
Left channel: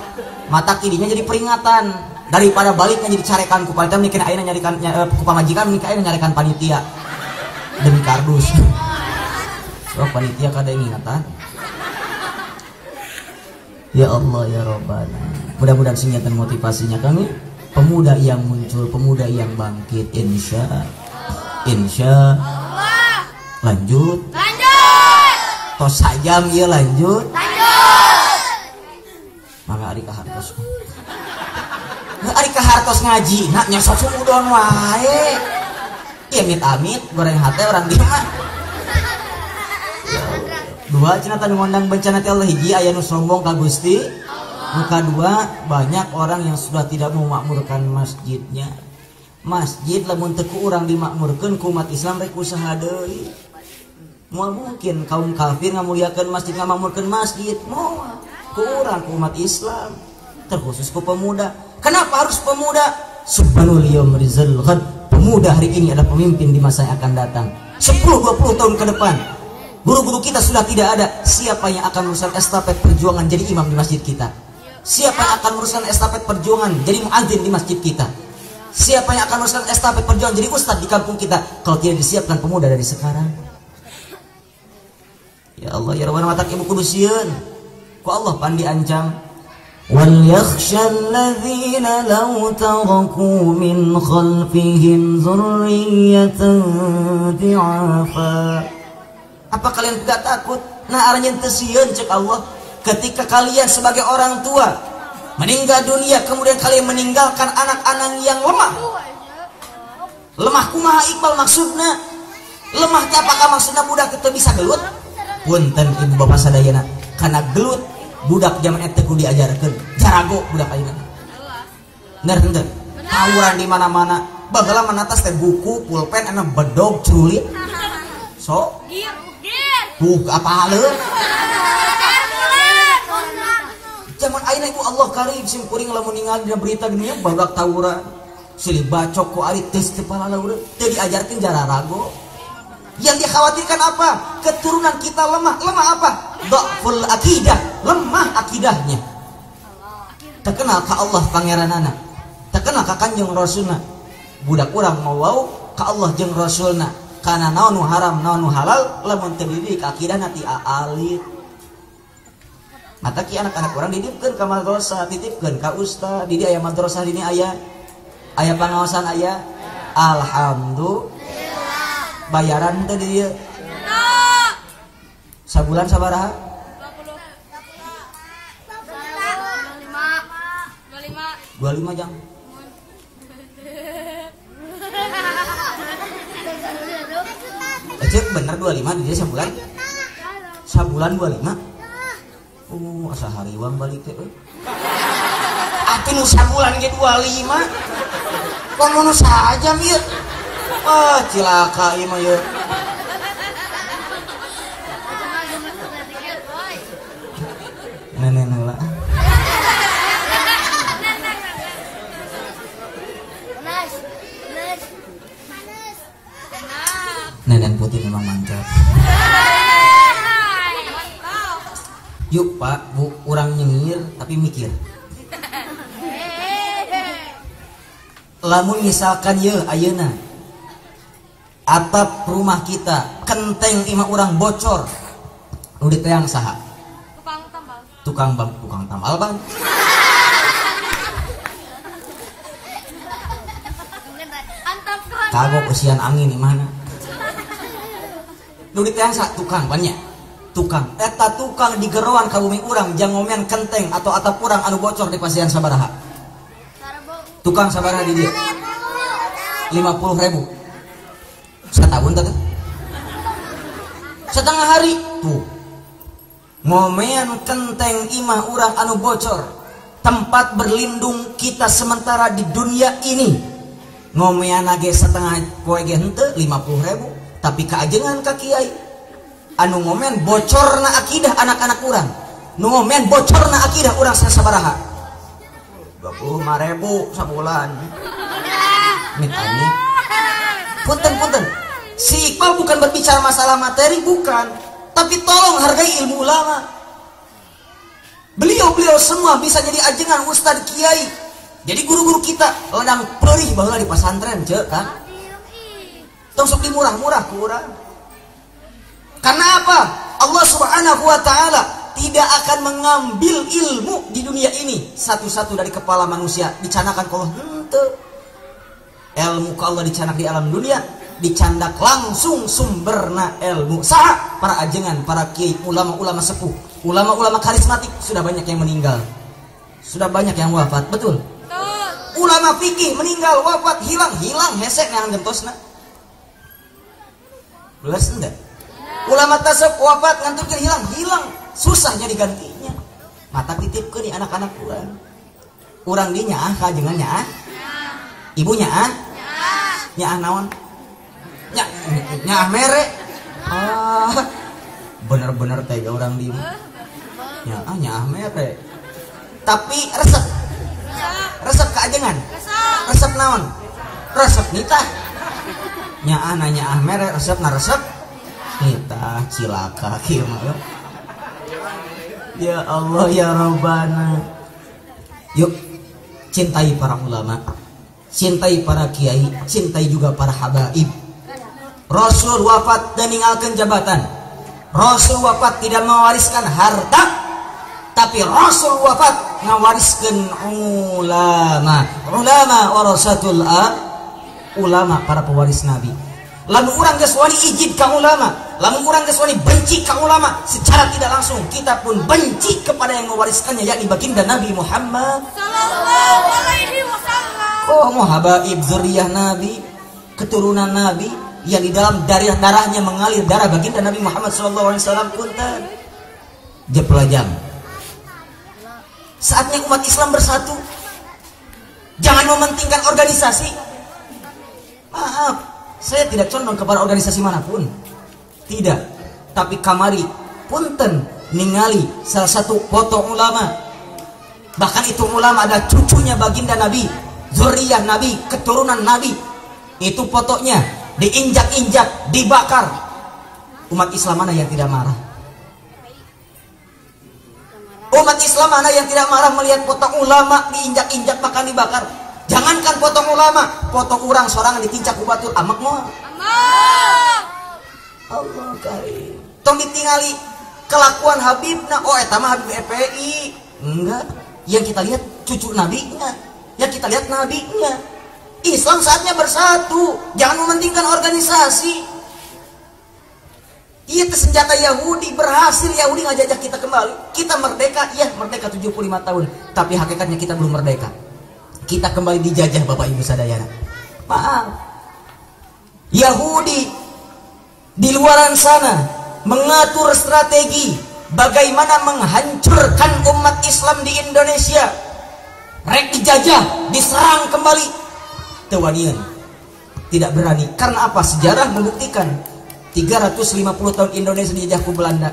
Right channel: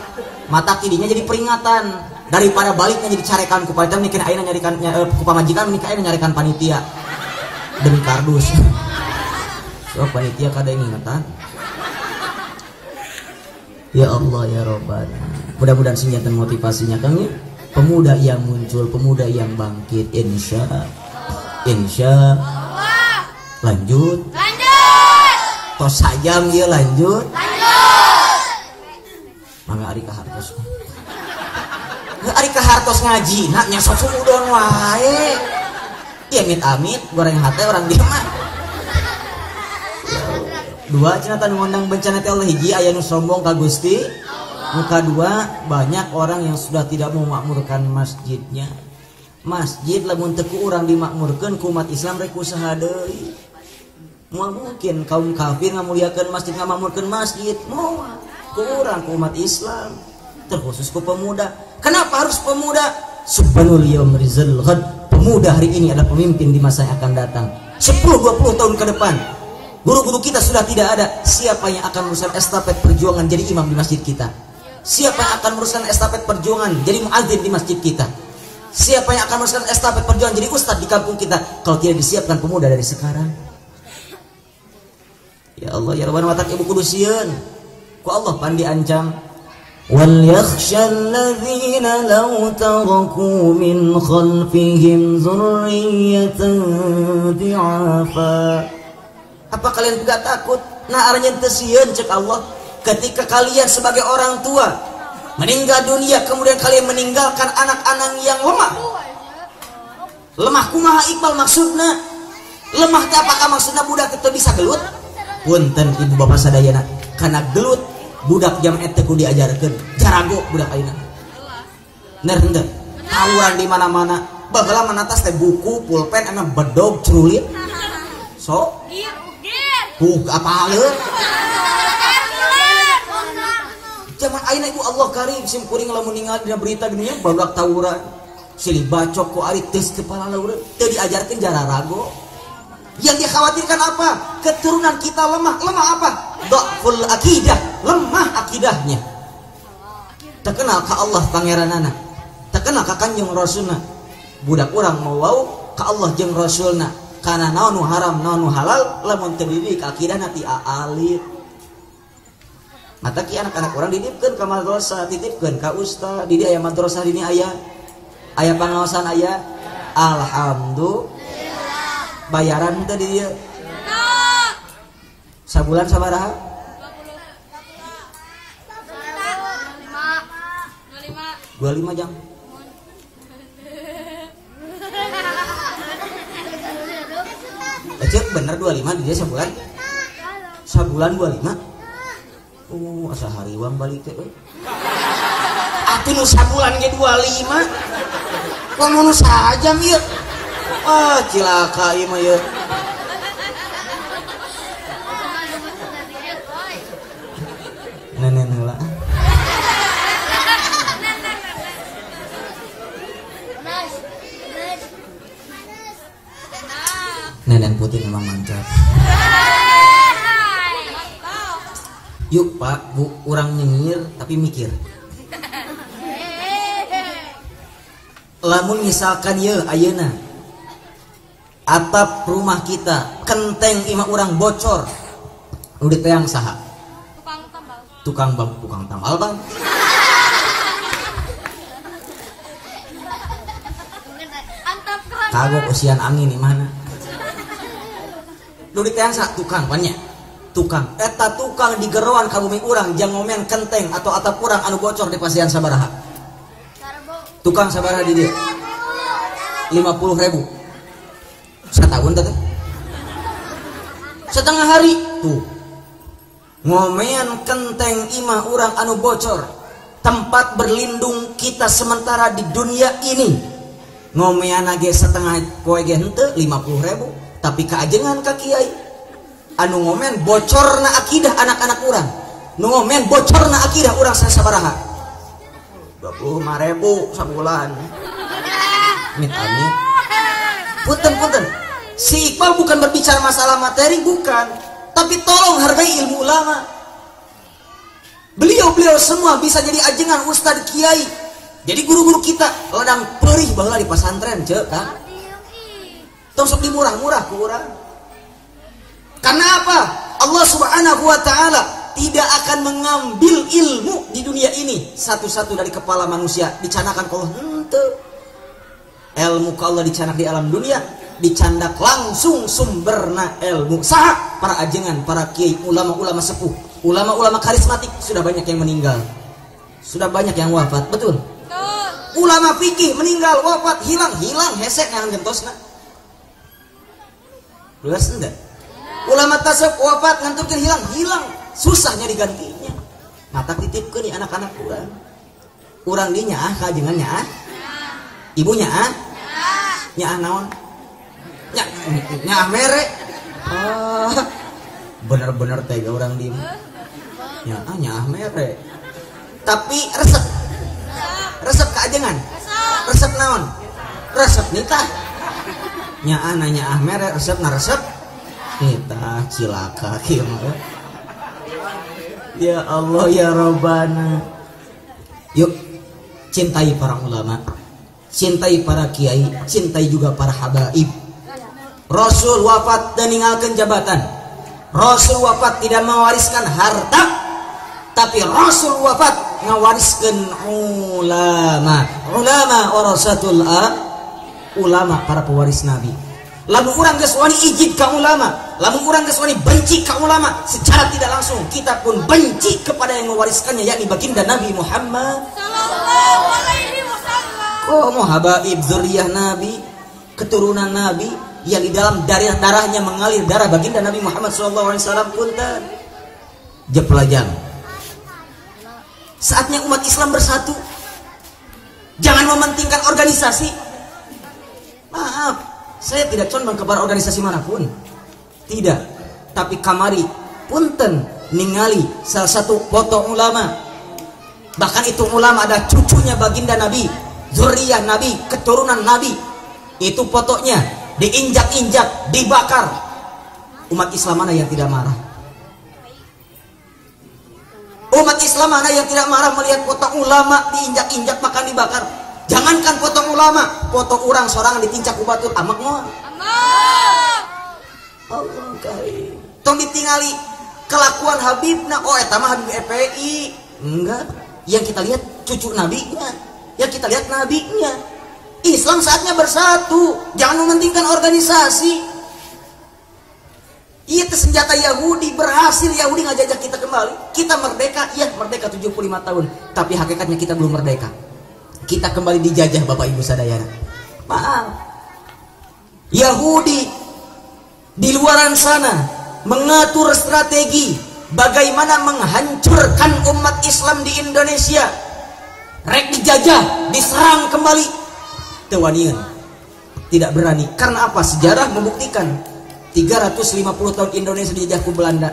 mata kidinya jadi peringatan daripada baliknya jadi carekan ku pajam mikeun ayeuna nyarikan ku pamajikan mikeun ayeuna nyarikan panitia demi kardus. So panitia kada ingatan. Ya Allah ya Rabbana. Mudah-mudahan senjata motivasinya Kang ya. Pemuda yang muncul, pemuda yang bangkit insya lanjut. Tos sajam ya lanjut. Mangga ari kahartos. Ari kahartos ngaji, nak nya sok udon wae. Amit goreng hate orang dia mah. Dua cenah tan ngondang bencana teh Allah hiji aya nu sombong ka Gusti. Nu kadua banyak orang yang sudah tidak memakmurkan masjidnya. Masjid lamun teu ku urang dimakmurkeun ku umat Islam rek usaha deui. Moal mungkin kaum kafir ngamuliakeun masjid ngamakmurkeun masjid, moal kurang umat Islam terkhusus ku pemuda. Kenapa harus pemuda? Subhanul yaumil ghad. Pemuda hari ini adalah pemimpin di masa yang akan datang. 10-20 tahun ke depan guru-guru kita sudah tidak ada. Siapa yang akan meneruskan estafet perjuangan jadi imam di masjid kita? Siapa yang akan meneruskan estafet perjuangan jadi muadzin di masjid kita? Siapa yang akan meneruskan estafet perjuangan jadi ustadz di kampung kita kalau tidak disiapkan pemuda dari sekarang? Ya Allah ya Rabbana watak ibu kudusieun ku Allah pandi ancang وَلْيَخْشَ الَّذِينَ لَوْ تَرَكُوا مِنْ خَلْفِهِمْ ذُرِّيَّةً ضِعَافًا. Apa kalian tidak takut? Nah aranya tesieun cek Allah, ketika kalian sebagai orang tua meninggal dunia, kemudian kalian meninggalkan anak-anak yang lemah. Lemah kumaha Iqbal maksudna? Lemah teh apakah maksudna budak itu bisa gelut? Punten ibu bapak sadayana, kana gelut budak jam eta kudu diajarkeun. Garago budak ayeuna. Bener henteu. Tawuran di mana-mana. Baheula manatas teh buku, pulpen, anu bedog culit. So, apa haleuh? Zaman ayeuna ibu Allah karim sim kuring lamun ningali dina berita di dunia barudak tawuran. Silih bacok ku ari tes kepala urang teu diajarkeun jararago. Yang dikhawatirkan apa? Keturunan kita lemah. Lemah apa? Dhaful akidah, lemah akidahnya. Terkenal ka Allah pangeranana, terkenal ka Kanjeng Rasulna. Budak urang mau wau ka Allah jeung Rasulna, kana naon nu haram naon nu halal lamun teu dididik akidahna ti aalit. Mata ki anak-anak urang didipkeun ka madrasah, titipkeun ka ustaz, di dieu aya madrasah dini aya pengawasan aya. Alhamdulillah. Bayaran teh di dieu. Sabulan sabaraha? 25 jam. Cek bener 25 di dia sebulan? Sabulan 25? Oh, asa hariwan balik teh. Atuh nu sabulan ge 25. Kok nu sajam ieu? Ah, cilaka ieu mah ieu. Nenek lah. Nenek putih memang mantap. Yuk Pak, Bu, orang nyengir tapi mikir. Lamun misalkan ye ayeuna atap rumah kita kenteng imah orang bocor, udah teang saha? Tukang tambal bang. Kagak usian angin di mana? Udah teang saha tukang banyak. Tukang, eta tukang di geroan ka bumi urang jang ngomean kenteng atau atap urang anu bocor di pasian sabaraha? Tukang sabaraha di dia? 50.000. Setahun tadi setengah hari tuh ngomean kenteng imah urang anu bocor, tempat berlindung kita sementara di dunia ini. Ngomean age setengah koe ge henteu 50.000, tapi kaajengan ka kiai anu ngomean bocorna akidah anak-anak urang, nu ngomean bocorna akidah urang sabaraha? 25.000 sabulan. Mitani punten si Iqbal bukan berbicara masalah materi, bukan, tapi tolong hargai ilmu ulama. Beliau semua bisa jadi ajengan ustad kiai, jadi guru-guru kita ladang perih baheula di pesantren ceu kan. Tong sok dimurah-murah ku urang. Karena apa? Allah Subhanahu wa taala tidak akan mengambil ilmu di dunia ini satu-satu dari kepala manusia dicanakan kalau henteu. Ilmu ka Allah dicanak di alam dunia, dicandak langsung sumberna ilmu. Saha? Para ajengan, para kiai, ulama-ulama sepuh, ulama-ulama karismatik sudah banyak yang meninggal, sudah banyak yang wafat, betul? Ulama fikih meninggal, wafat, hilang hesek yang gentosna. Luas enggak? Ulama tasawuf wafat nganturkeun hilang, susahnya digantinya. Mata titipkeun di anak-anak urang. Urang dinya ah kajengan nya ah. Ibunya ah? Nyaah naon? Nyaah mere. Ah, bener-bener tega orang di. Nyaah mere. Tapi resep keajengan. Resep naon? Resep nitah. Nyaah mere resep na resep nitah cilaka kieu mah. Ya Allah ya Rabbana. Yuk cintai para ulama, cintai para kiai, cintai juga para habaib. Rasul wafat dan ninggalkan jabatan. Rasul wafat tidak mewariskan harta, Tapi Rasul wafat ngawariskeun ulama warasatul ulama, para pewaris Nabi. Lamun urang geus wani ijid ka ulama, lamun urang geus wani benci ka ulama, secara tidak langsung kita pun benci kepada yang mewariskannya, yakni baginda Nabi Muhammad sallallahu alaihi wasallam. Oh, habaib dzurriyyah Nabi, keturunan Nabi yang di dalam darahnya mengalir darah baginda Nabi Muhammad sallallahu alaihi wasallam punten. Jeplajang. Saatnya umat Islam bersatu. Jangan mementingkan organisasi. Maaf, saya tidak condong kepada organisasi manapun. Tidak. Tapi kamari punten ningali salah satu foto ulama. Bahkan itu ulama ada cucunya baginda Nabi, zuriyah Nabi, keturunan Nabi. Itu fotonya diinjak-injak, dibakar. Umat Islam mana yang tidak marah? Umat Islam mana yang tidak marah melihat foto ulama diinjak-injak bahkan dibakar? Jangankan foto ulama, foto orang seorang ditincak ku batur amak moal. Allah karim. Tong ditingali kelakuan Habibna, oh eta mah Habib FPI. Enggak, yang kita lihat cucu nabinya, yang kita lihat nabinya. Islam saatnya bersatu, jangan mementingkan organisasi. Iya, senjata Yahudi berhasil, Yahudi ngajajah kita kembali. Kita merdeka, iya merdeka 75 tahun. Tapi hakikatnya kita belum merdeka. Kita kembali dijajah Bapak Ibu sadayana. Maaf. Yahudi di luaran sana mengatur strategi bagaimana menghancurkan umat Islam di Indonesia. Rek dijajah, diserang kembali. Tewanian. Tidak berani. Karena apa? Sejarah membuktikan 350 tahun Indonesia dijajah ku Belanda,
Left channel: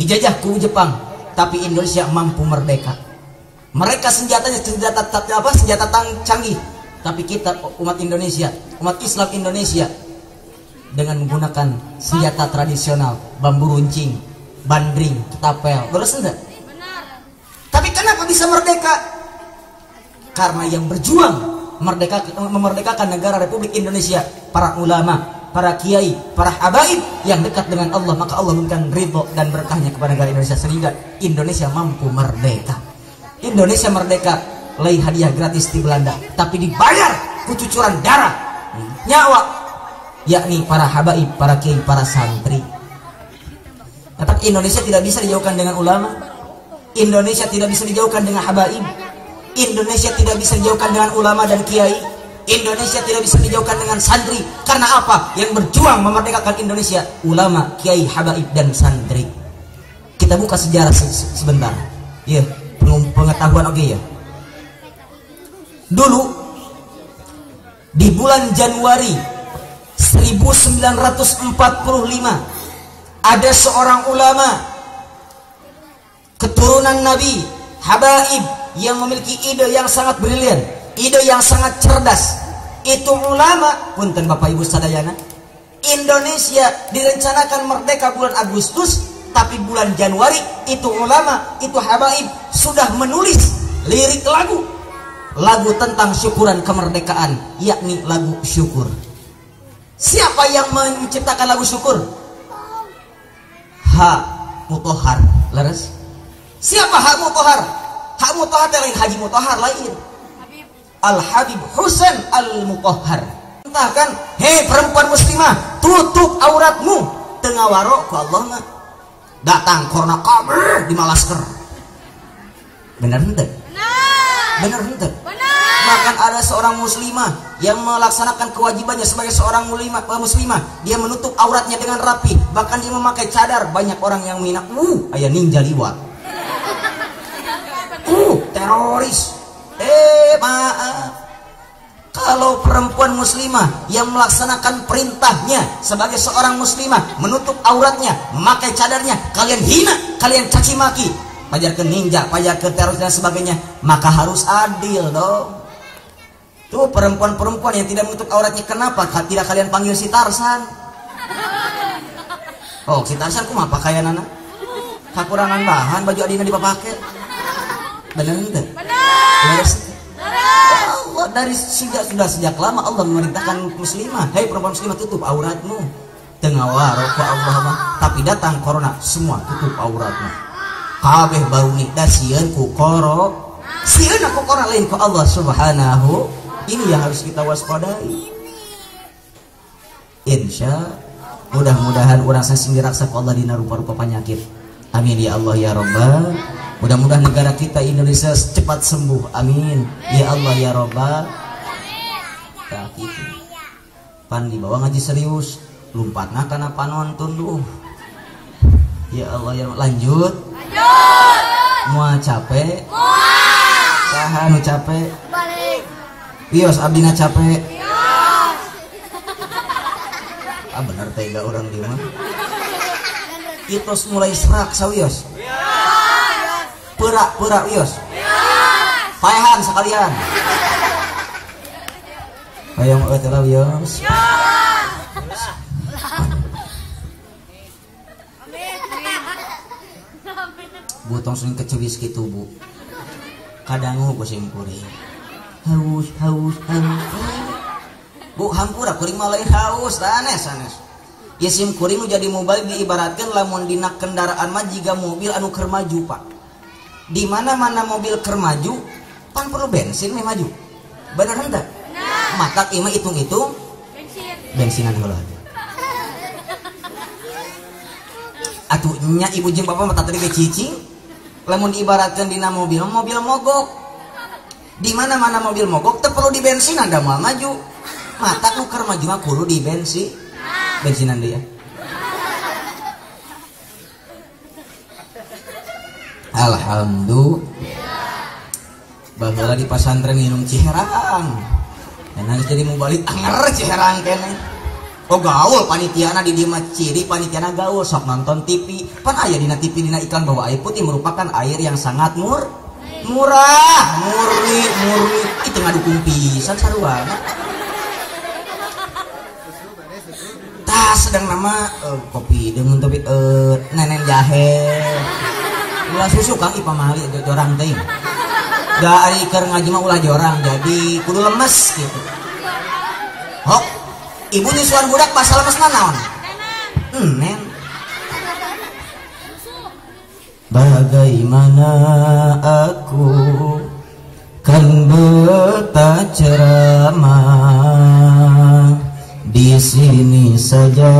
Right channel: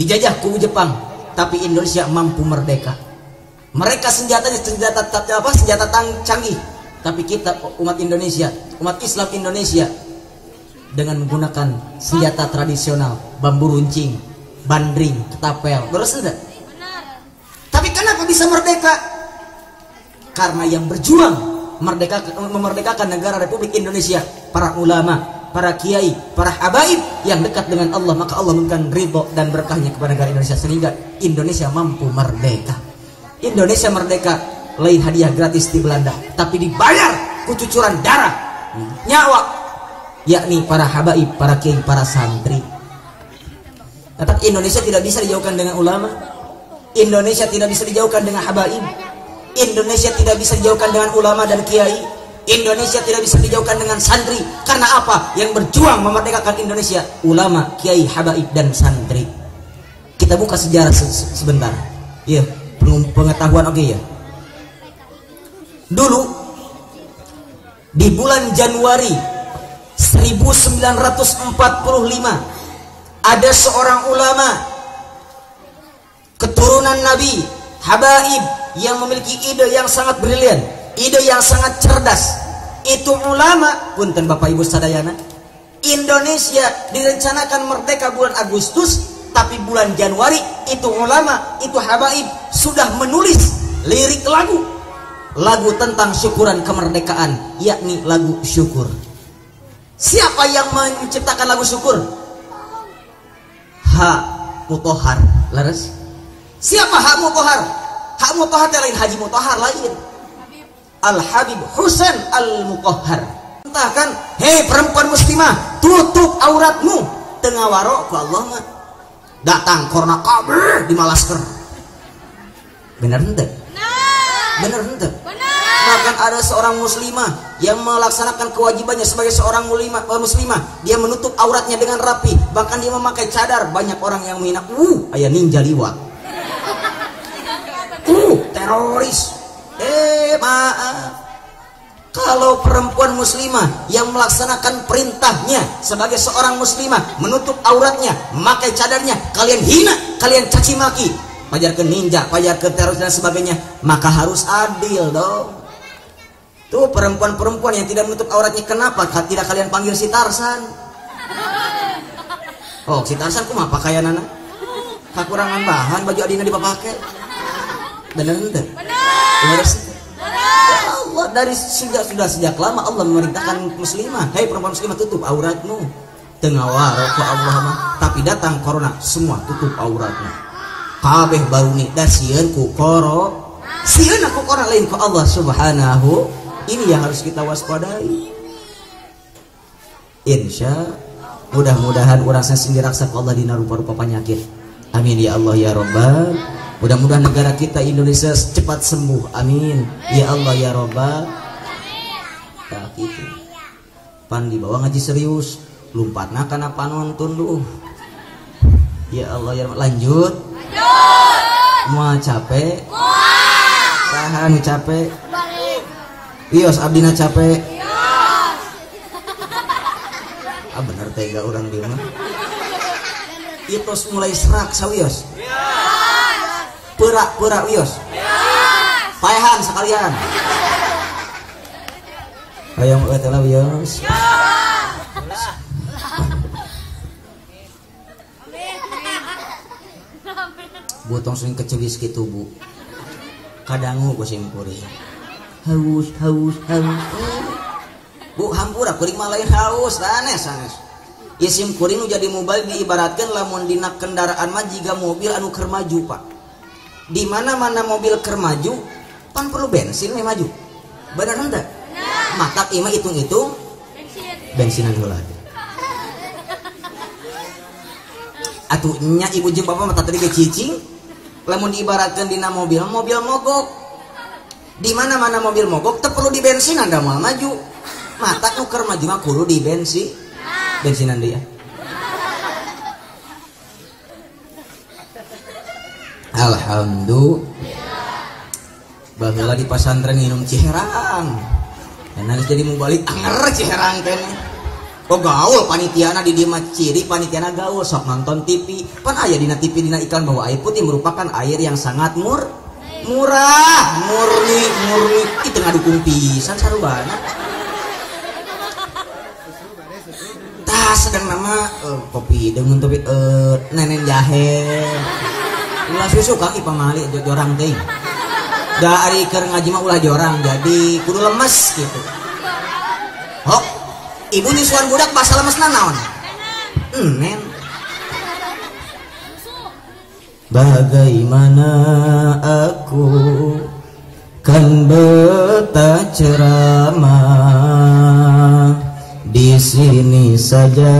dijajah ku Jepang, tapi Indonesia mampu merdeka. Mereka senjatanya senjata canggih, tapi kita umat Indonesia, umat Islam Indonesia dengan menggunakan senjata tradisional, bambu runcing, bandring, ketapel, beres enggak? Tapi kenapa bisa merdeka? Karena yang berjuang memerdekakan negara Republik Indonesia, para ulama, para kiai, para habaib yang dekat dengan Allah, maka Allah memberikan ridho dan berkahnya kepada negara Indonesia sehingga Indonesia mampu merdeka. Indonesia merdeka lain hadiah gratis di Belanda, tapi dibayar kucucuran darah, nyawa, yakni para habaib, para kiai, para santri. Tetapi Indonesia tidak bisa dijauhkan dengan ulama. Indonesia tidak bisa dijauhkan dengan habaib. Indonesia tidak bisa dijauhkan dengan ulama dan kiai. Indonesia tidak bisa dijauhkan dengan santri. Karena apa? Yang berjuang memerdekakan Indonesia ulama, kiai, habaib, dan santri. Kita buka sejarah sebentar. Ya, pengetahuan oke ya. Dulu di bulan Januari 1945 ada seorang ulama keturunan Nabi, habaib, yang memiliki ide yang sangat brilian, ide yang sangat cerdas. Itu ulama, punten Bapak Ibu sadayana, Indonesia direncanakan merdeka bulan Agustus, tapi bulan Januari itu ulama, itu habaib sudah menulis lirik lagu tentang syukuran kemerdekaan, yakni lagu syukur. Siapa yang menciptakan lagu syukur? Hak Mutahar, laras. Siapa Hak Mutahar? Hak Mutahar lain Haji Mutahar lain. Al-Habib Husain Al-Mutahhar. Entahkan, hei perempuan muslimah, tutup auratmu. Tengah warok ku Allah mah. Datang korna kabur di Malasker. Benar henteu? Benar henteu? Bahkan ada seorang muslimah yang melaksanakan kewajibannya sebagai seorang muslimah, dia menutup auratnya dengan rapi, bahkan dia memakai cadar. Banyak orang yang menghina, aya ninja liwat, teroris. Maaf, kalau perempuan muslimah yang melaksanakan perintahnya sebagai seorang muslimah menutup auratnya, memakai cadarnya, kalian hina, kalian caci maki, pajarkan ninja, pajarkan teroris dan sebagainya, maka harus adil dong. Tuh perempuan-perempuan yang tidak menutup auratnya, kenapa tidak kalian panggil si Tarsan? Oh, si Tarsan kumaha pakaianana? Kakurangan bahan baju adina dipapake. Bener. Ya Allah, dari sejak lama Allah memerintahkan muslimah, hei perempuan muslimah, tutup auratmu. Tengah warok ya Allah, tapi datang corona, semua tutup auratnya. kabeh bauni da sieun ku koro sieun aku koro lain ku Allah Subhanahu. Ini yang harus kita waspadai. Insya mudah-mudahan urang sendiri raksa ku Allah dina rupa-rupa penyakit. Amin ya Allah ya Rabbal. Mudah-mudahan negara kita Indonesia cepat sembuh. Amin ya Allah ya Rabbal. Tak gitu. Pan dibawa ngaji serius, lompatna kana panonton duh. Ya Allah ya Rabbal. Lanjut. Moal capek? Moal. Tahan capek? Balik. Wios abdina capek? Ah bener tega orang di mana? Itu mulai serak sawios. Pura-pura wios. Payahan sekalian. Hayang we teh wios. Butong sering kecelis gitu bu. Kadang ku simpuri. Haus. Bu hampura kuring mah lain haus, sanes. Ya sim kuring jadi mobil diibaratkan lamun dina kendaraan mah jiga mobil anu keur maju Pak. Di mana-mana mobil keur maju, pan perlu bensin we maju. Bener enggak? Maka ieu mah hitung-hitung bensinan heula. Atuh nya ibu jeung bapak mah tadi ge cicing. Lamun diibaratkan dina mobil mogok. Di mana-mana mobil mogok teu perlu di bensin anda mau maju. Mata nu keur maju mah kudu di bensinan dia. Alhamdulillah. Baheula di pasantren minum ciherang. Enak jadi mau balik anger ciherang kene. Oh gaul panitiana di dieu mah ciri panitiana gaul sok nonton TV. Pan aya dina TV dina iklan bahwa air putih merupakan air yang sangat murah, murni. Itu ngadukung pisan saruana. Tah sedang nama kopi dengan tapi nenen jahe. Ulah susu kaki pamali jorang teuing. Da ari keur ngaji mah ulah jorang jadi kudu lemes gitu. Oh, ibu nyusuan budak basal lemesna naon? Nen. Bagaimana aku kan beta ceramah di sini saja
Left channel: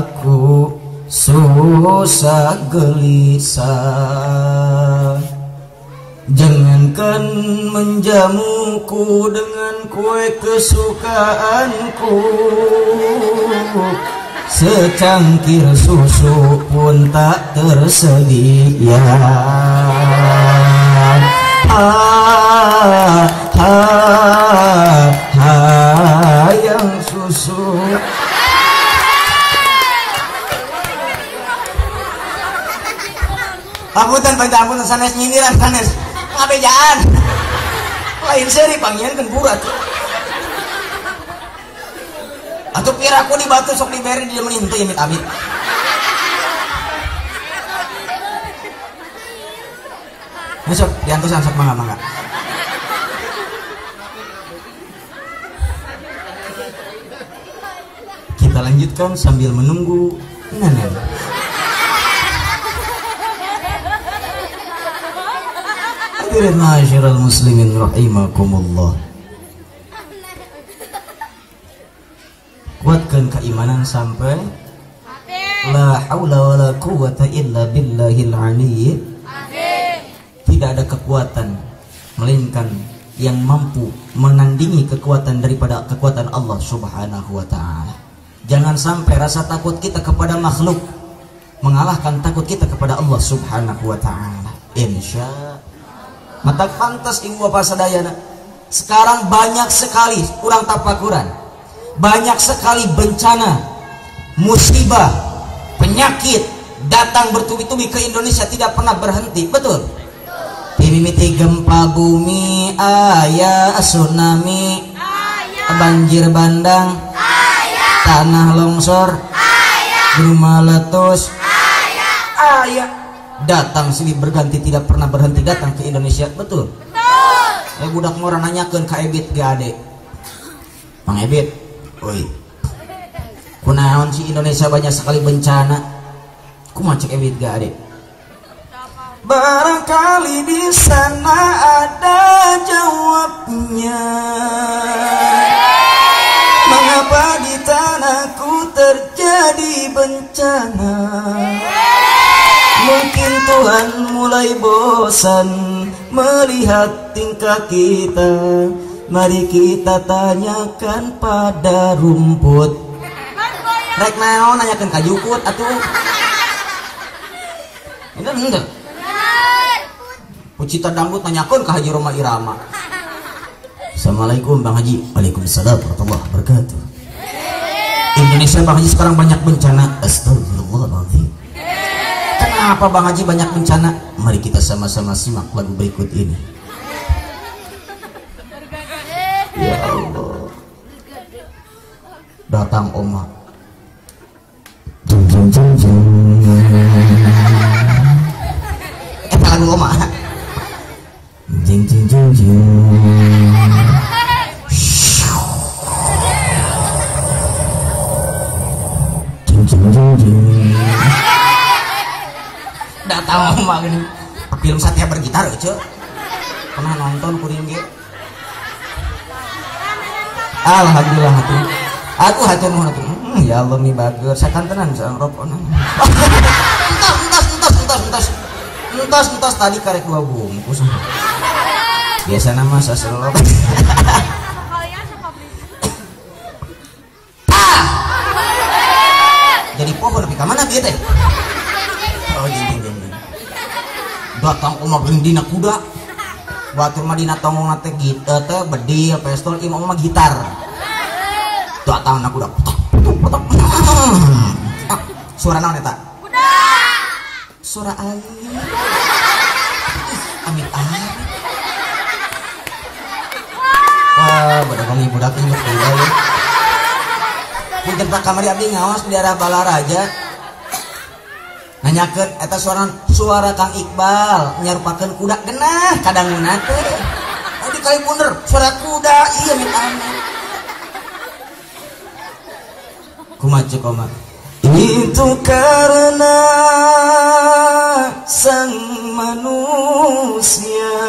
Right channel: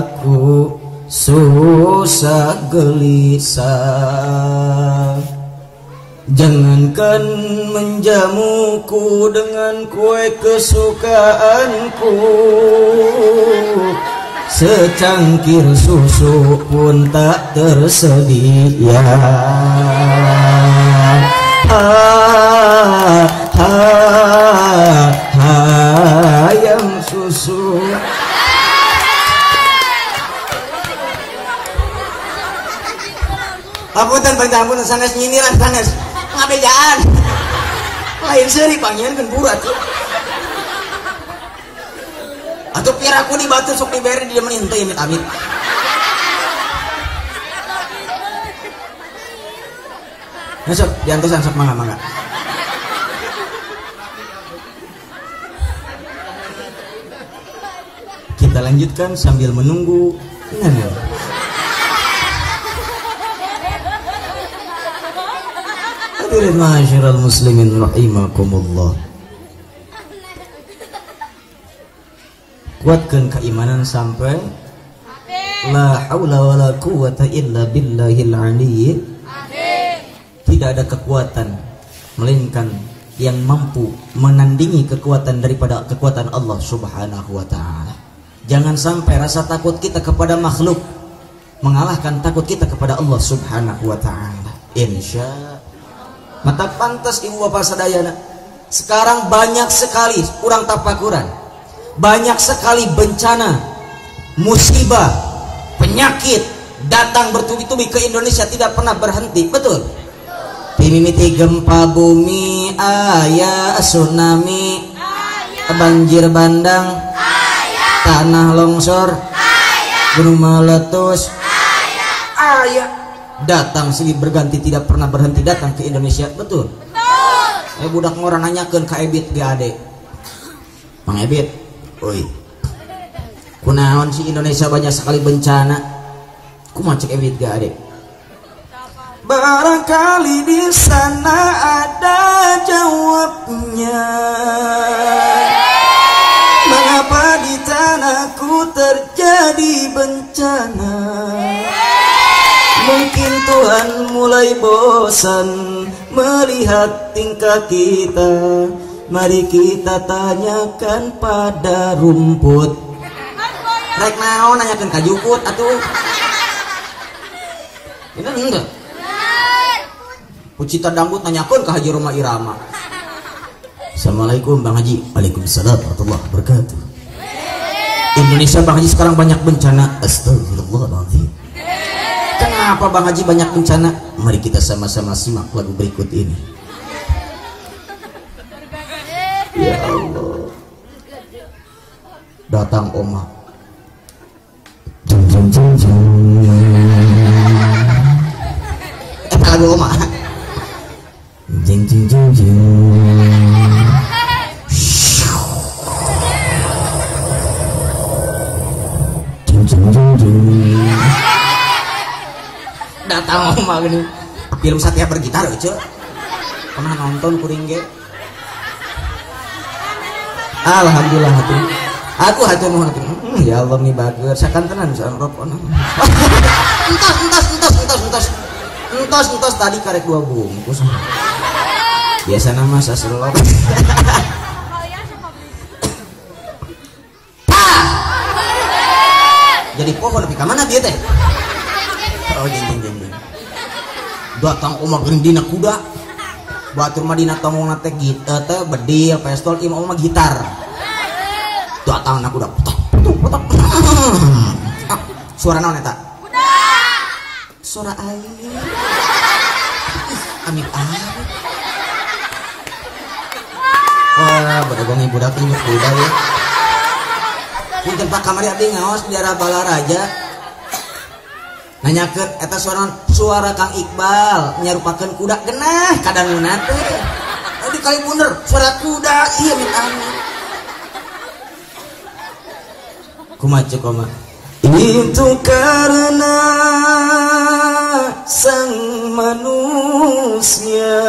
aku susah gelisah. Jangankan menjamuku dengan kue kesukaanku, secangkir susu pun tak tersedia. Yang susu. Apunten panjang sanes nyingiran sanes ngabejaan. Lain seuri pangieun kempurat. Atuh kiraku di batu sok diberi di demen henteu amit-amit. Masuk diantosan sok mangga-mangga. Kita lanjutkan sambil menunggu nenek. Ma'asyiral muslimin rahimakumullah. Kuatkan keimanan sampai la haula wala quwwata illa billahil aliyyil. Tidak ada kekuatan melainkan yang mampu menandingi kekuatan daripada kekuatan Allah Subhanahu wa taala. Jangan sampai rasa takut kita kepada makhluk mengalahkan takut kita kepada Allah Subhanahu wa taala. Insya mata pantas ibu bapak sadayana. Sekarang banyak sekali kurang tapakuran, banyak sekali bencana, musibah, penyakit datang bertubi-tubi ke Indonesia tidak pernah berhenti. Betul? Mimiti gempa bumi, aya tsunami, banjir bandang, tanah longsor, gunung meletus, aya datang silih berganti tidak pernah berhenti datang ke Indonesia. Betul? Budak ngorang nanyakeun ka Ebit ge ade. Mang Ebit, euy. Kunaon si Indonesia banyak sekali bencana. Kumaha cek Ebit ge ade? Barangkali di sana ada jawabnya. Mengapa di tanahku terjadi bencana? Mungkin Tuhan mulai bosan melihat tingkah kita. Mari kita tanyakan pada rumput. Rek naon nanyakan kajukut atuh. Ini enggak. Pucita dangdut nanyakan ke Haji Roma Irama. Assalamualaikum Bang Haji. Waalaikumsalam warahmatullahi wabarakatuh. Indonesia Bang Haji sekarang banyak bencana. Astagfirullahaladzim. Kenapa Bang Haji banyak bencana? Mari kita sama-sama simak lagu berikut ini. Ya Allah. Datang Oma. Lagu Oma. Datang Oma gini. Film Satya bergitar aja. Pernah nonton kuring ge? Alhamdulillah hati. Aku hatur nuhun atuh. Ya Allah nih bager sakantenan seorang rokok. Entas tadi karek 2 bungkus. Biasa nama saselok. Jadi pohon lebih kamana dia teh? Oh jeng. Datang Oma gerindina kuda. Batur Madinah tongong ngate gitar teh bedi pistol imam mah gitar. Datang anak kuda. Suara naon eta? Kuda. Suara air. Amin. Wah, bedagang budak ini kuda ya. Di tempat kamari abdi ngawas di daerah Balaraja. Nanyakeun eta suara Kang Iqbal nyarupakeun kuda genah kadangunan teh. Di kali bener suara kuda iya minta kumaha koma. Itu karena sang manusia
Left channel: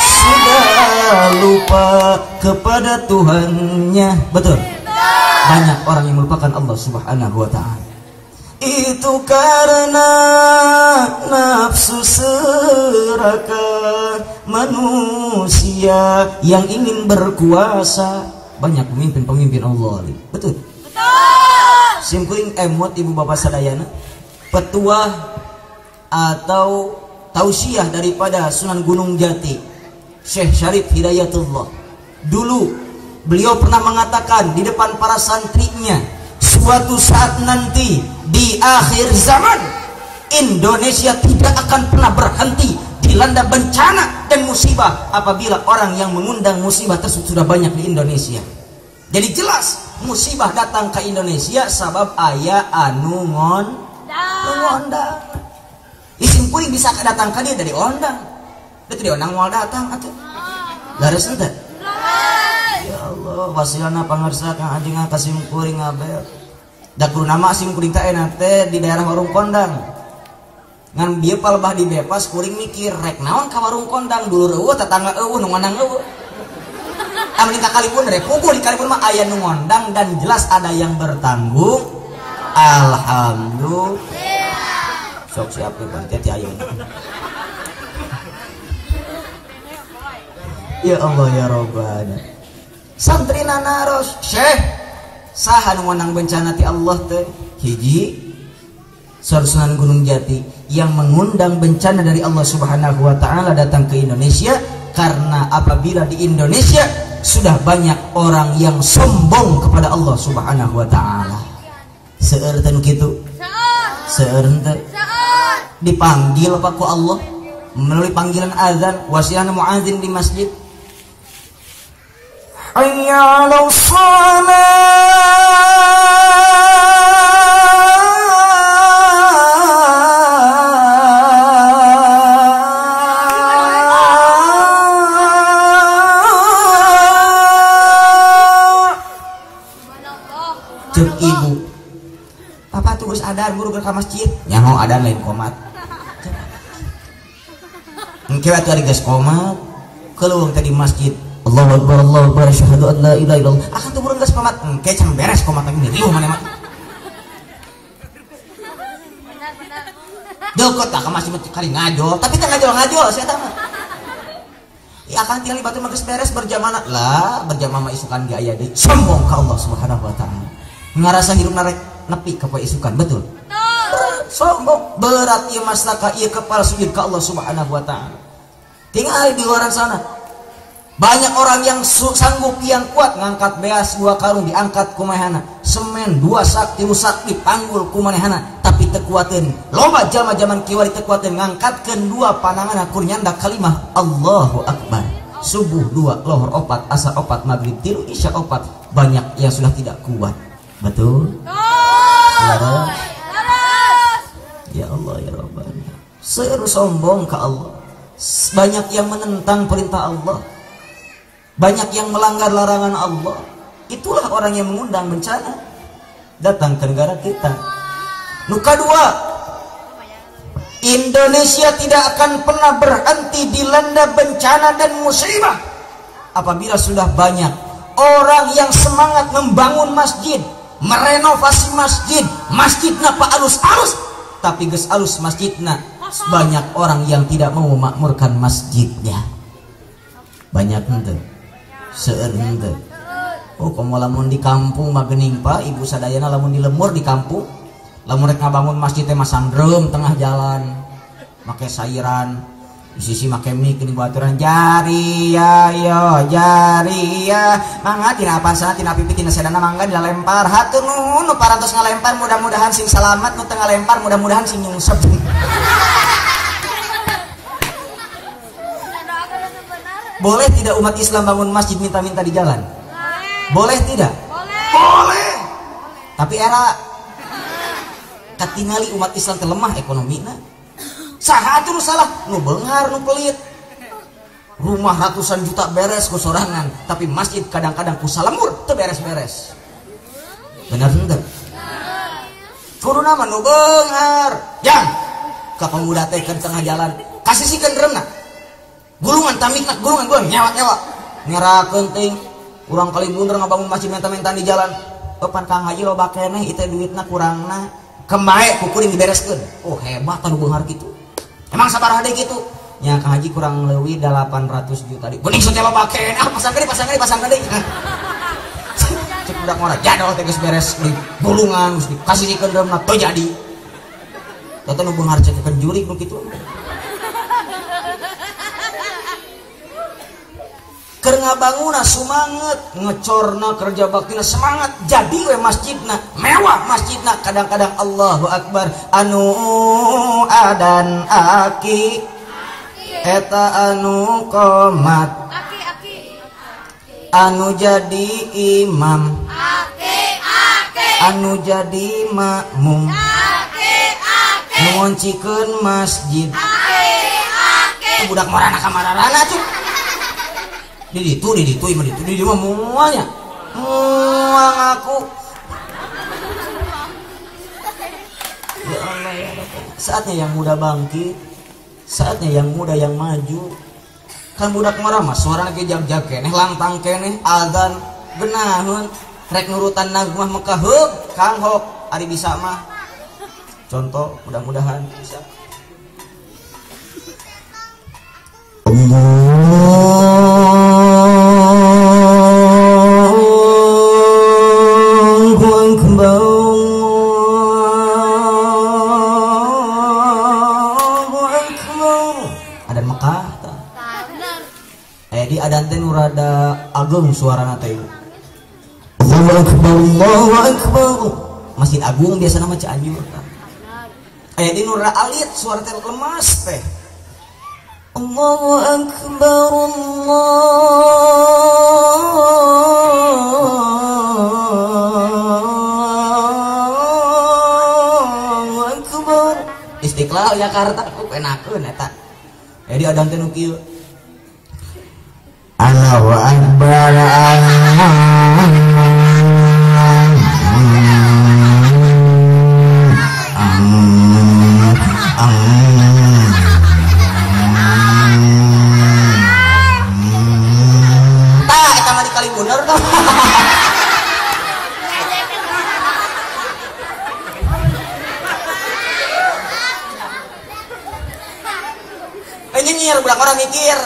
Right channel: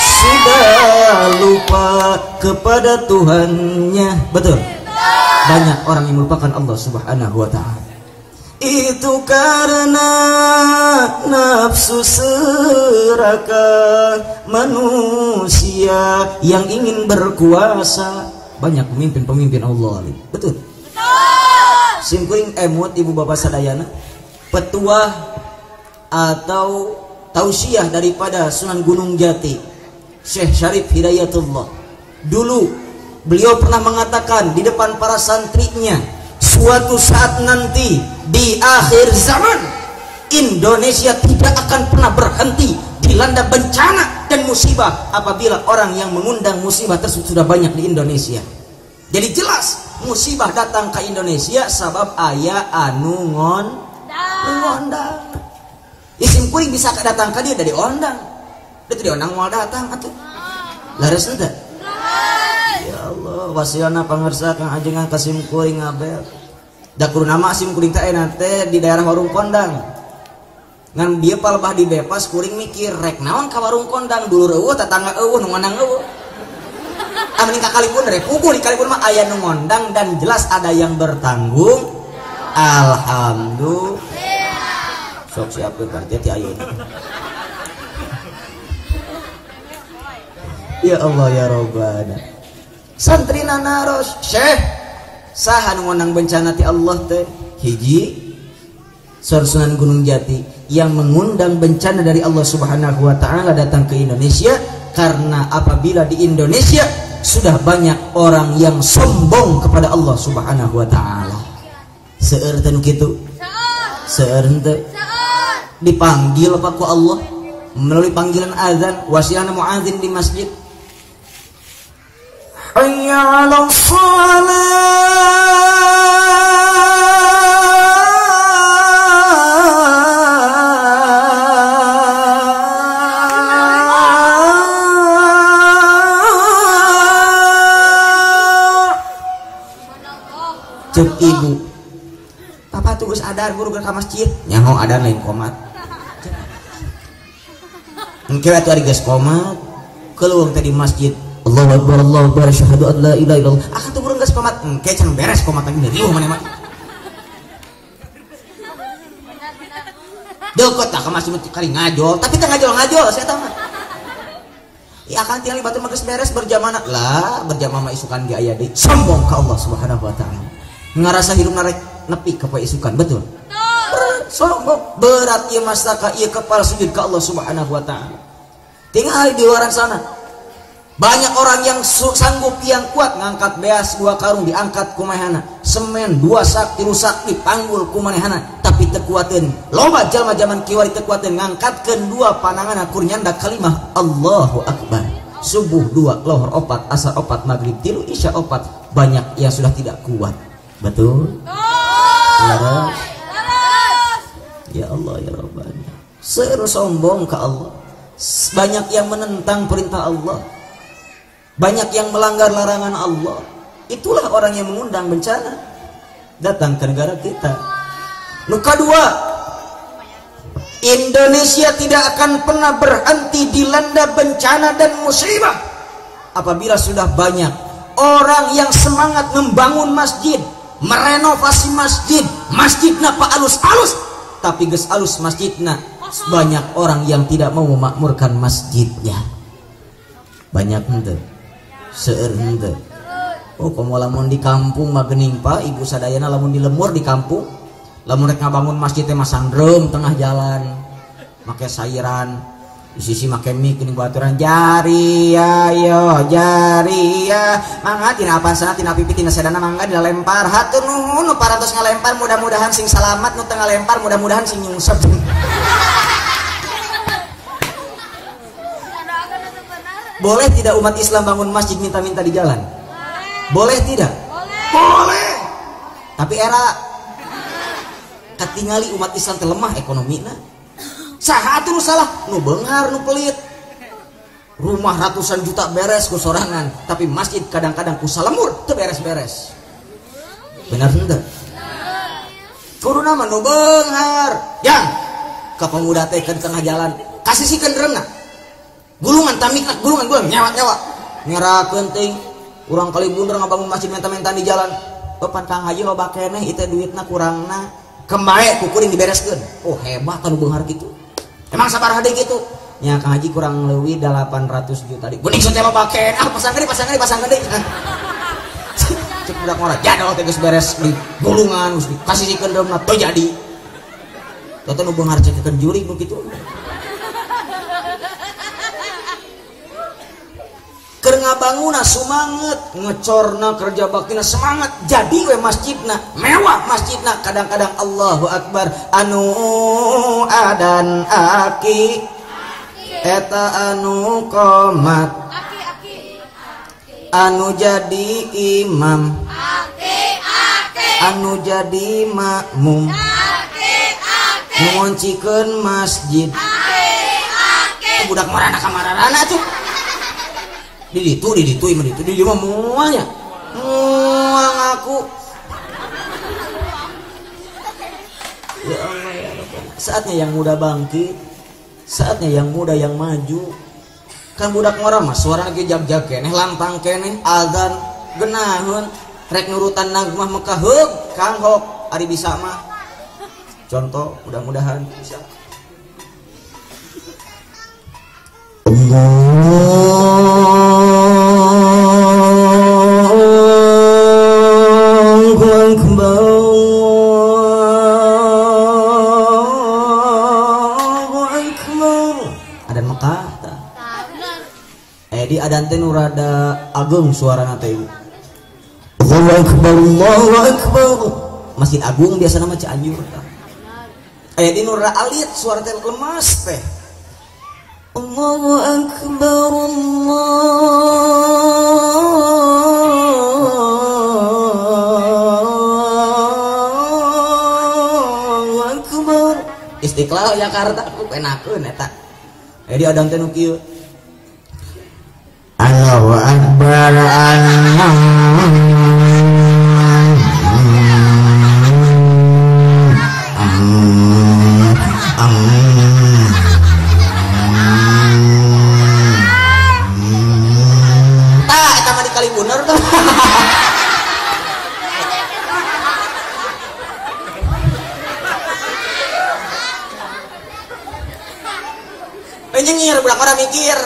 sudah lupa kepada Tuhannya. Betul. Banyak orang yang melupakan Allah Subhanahu wa taala. Itu karena nafsu serakah manusia yang ingin berkuasa. Banyak pemimpin-pemimpin Allah. Betul. Simkuring emut ibu bapak sadayana petuah atau tausiah daripada Sunan Gunung Jati Syekh Syarif Hidayatullah. Dulu beliau pernah mengatakan di depan para santrinya, suatu saat nanti di akhir zaman Indonesia tidak akan pernah berhenti dilanda bencana dan musibah apabila orang yang mengundang musibah tersebut sudah banyak di Indonesia. Jadi jelas musibah datang ke Indonesia sabab aya anu ngondang. Isim kuring bisa datang ke dia dari ondang. Dia tidak ondang mau datang atuh. Lares teh. Ya Allah, wasiana pangersa Kang Ajengan ka sim kuring abel. Da kudu nama sim kuring teh enak teh di daerah warung kondang. Ngan bieu palebah di bepas kuring mikir rek naon ka warung kondang dulur eueuh tetangga eueuh nu ngondang eueuh. Amin kakalipun repubul dikalipun mah aya nu ngondang dan jelas ada yang bertanggung. Alhamdulillah. Sok siapkeun hati ayeuna. Ya Allah ya Rabbana. Santrina naros, Syekh saha nu ngondang bencana ti Allah teh? Hiji Sunan Gunung Jati yang mengundang bencana dari Allah Subhanahu wa taala datang ke Indonesia karena apabila di Indonesia sudah banyak orang yang sombong kepada Allah Subhanahu wa taala. Seueur teh kitu. Seueur teh dipanggil apa ku Allah melalui panggilan azan wasiana muadzin di masjid. Hayya 'alas shalah. Cuk ibu, papa tugas ada guru ke masjid, nyaho ada lain komat. Engke atuh ari geus qomat, keluar tadi masjid. Allahu Akbar, Allahu Akbar, asyhadu an la ilaha illallah. Akan tuh urang geus qomat, engke can beres qomat lagi riuh mana mah. Dekot tah ka masjid kali ngajol, tapi teh ngajol saya tah mah. Ya akan tinggal batu mah geus beres berjamaah lah, berjamaah isukan ge aya deui. Sombong ka Allah Subhanahu wa taala. Ngarasa hirup narek nepi ka poe isukan, betul? Sombong berat ieu mastaka ieu kepal sujud ka Allah Subhanahu wa taala. Tinggal di luar sana. Banyak orang yang sanggup yang kuat ngangkat beas 2 karung diangkat kumahana, semen 2 sak 3 sak dipanggul kumanehana, tapi teu kuateun. Loba jalma zaman kieu teu kuateun ngangkatkeun 2 pananganna kur nyanda kalimah Allahu Akbar. Subuh 2, lohor 4, asar 4, maghrib 3, isya 4. Banyak yang sudah tidak kuat. Betul? Ya Allah ya Rabbana. Seueur sombong ke Allah. Banyak yang menentang perintah Allah. Banyak yang melanggar larangan Allah. Itulah orang yang mengundang bencana datang ke negara kita. Nu kadua, Indonesia tidak akan pernah berhenti dilanda bencana dan musibah apabila sudah banyak orang yang semangat membangun masjid, merenovasi masjidna pa alus-alus, tapi geus alus masjidna banyak orang yang tidak mau memakmurkan masjidnya. Banyak henteu, seueur henteu. Oh, komo lamun di kampung mah geuning pa ibu sadayana lamun di lemur di kampung, lamun rek ngabangun masjid teh masang drum tengah jalan, make sairan, di sisi make mik geuning baturan jari ya yo jari ya mangga tina apasana tina pipi tina sedana mangga dilempar hatur nuhun nu parantos ngalempar mudah-mudahan sing salamat nu teu ngalempar mudah-mudahan sing nyungsep. Boleh tidak umat Islam bangun masjid minta-minta di jalan? Boleh tidak? Boleh. Tapi era katingali umat Islam terlemah ekonomina. Saha atuh nu salah? Nu beungar nu pelit. Rumah ratusan juta beres ku sorangan, tapi masjid kadang-kadang ku salamur teu beres-beres. Benar henteu? Kuruna mah nu beungar. Jang ka pemuda teh ke tengah jalan, kasisikeun dreumna. Gulungan tamikna, gulungan nyawa-nyawa. Nyerakeun teuing urang kali blunder ngabangun masjid menta-menta di jalan. Papan Kang Haji loba keneh ieu duitna kurangna. Kembae ku kuring dibereskeun. Oh, hebat anu beunghar kitu. Emang sabaraha deui kitu? Nya Kang Haji kurang leuwih 800 juta deui. Geuning teh mah baken. Ah, pasang gede. Cek budak mah jadol teh geus beres di gulungan, kasih dikeun dreumna teu jadi. Eta nu beunghar cekeun juri ku kitu. Keur ngabanguna sumanget, ngecorna kerja baktina semangat, jadi we masjidna mewah masjidna kadang-kadang Allahu Akbar anu adan aki eta anu qomat anu jadi imam anu jadi makmum ngoncikeun masjid budak marana kamarana tuh di itu di mah muanya muang aku ya Allah ya Rabbi. Saatnya yang muda bangkit, saatnya yang muda yang maju. Kan budak ngora mah suara lagi jag-jag keneh lantang keneh azan geunaheun rek nurutan nagmah Mekah heug Kang Hok ari bisa mah contoh mudah-mudahan bisa. Ada Mekah tak? Di adan teh nu rada agung suarana teh. Allahu Akbar, Allahu Akbar. Masjid Agung biasa nama Cianjur. Di nu rada alit suara teh lemas teh. Allahu Akbar, Allahu Akbar. Istiqlal Jakarta ku enakeun eta. Di adang teh nu kieu. Allahu Akbar, nyinyir budak orang mikir.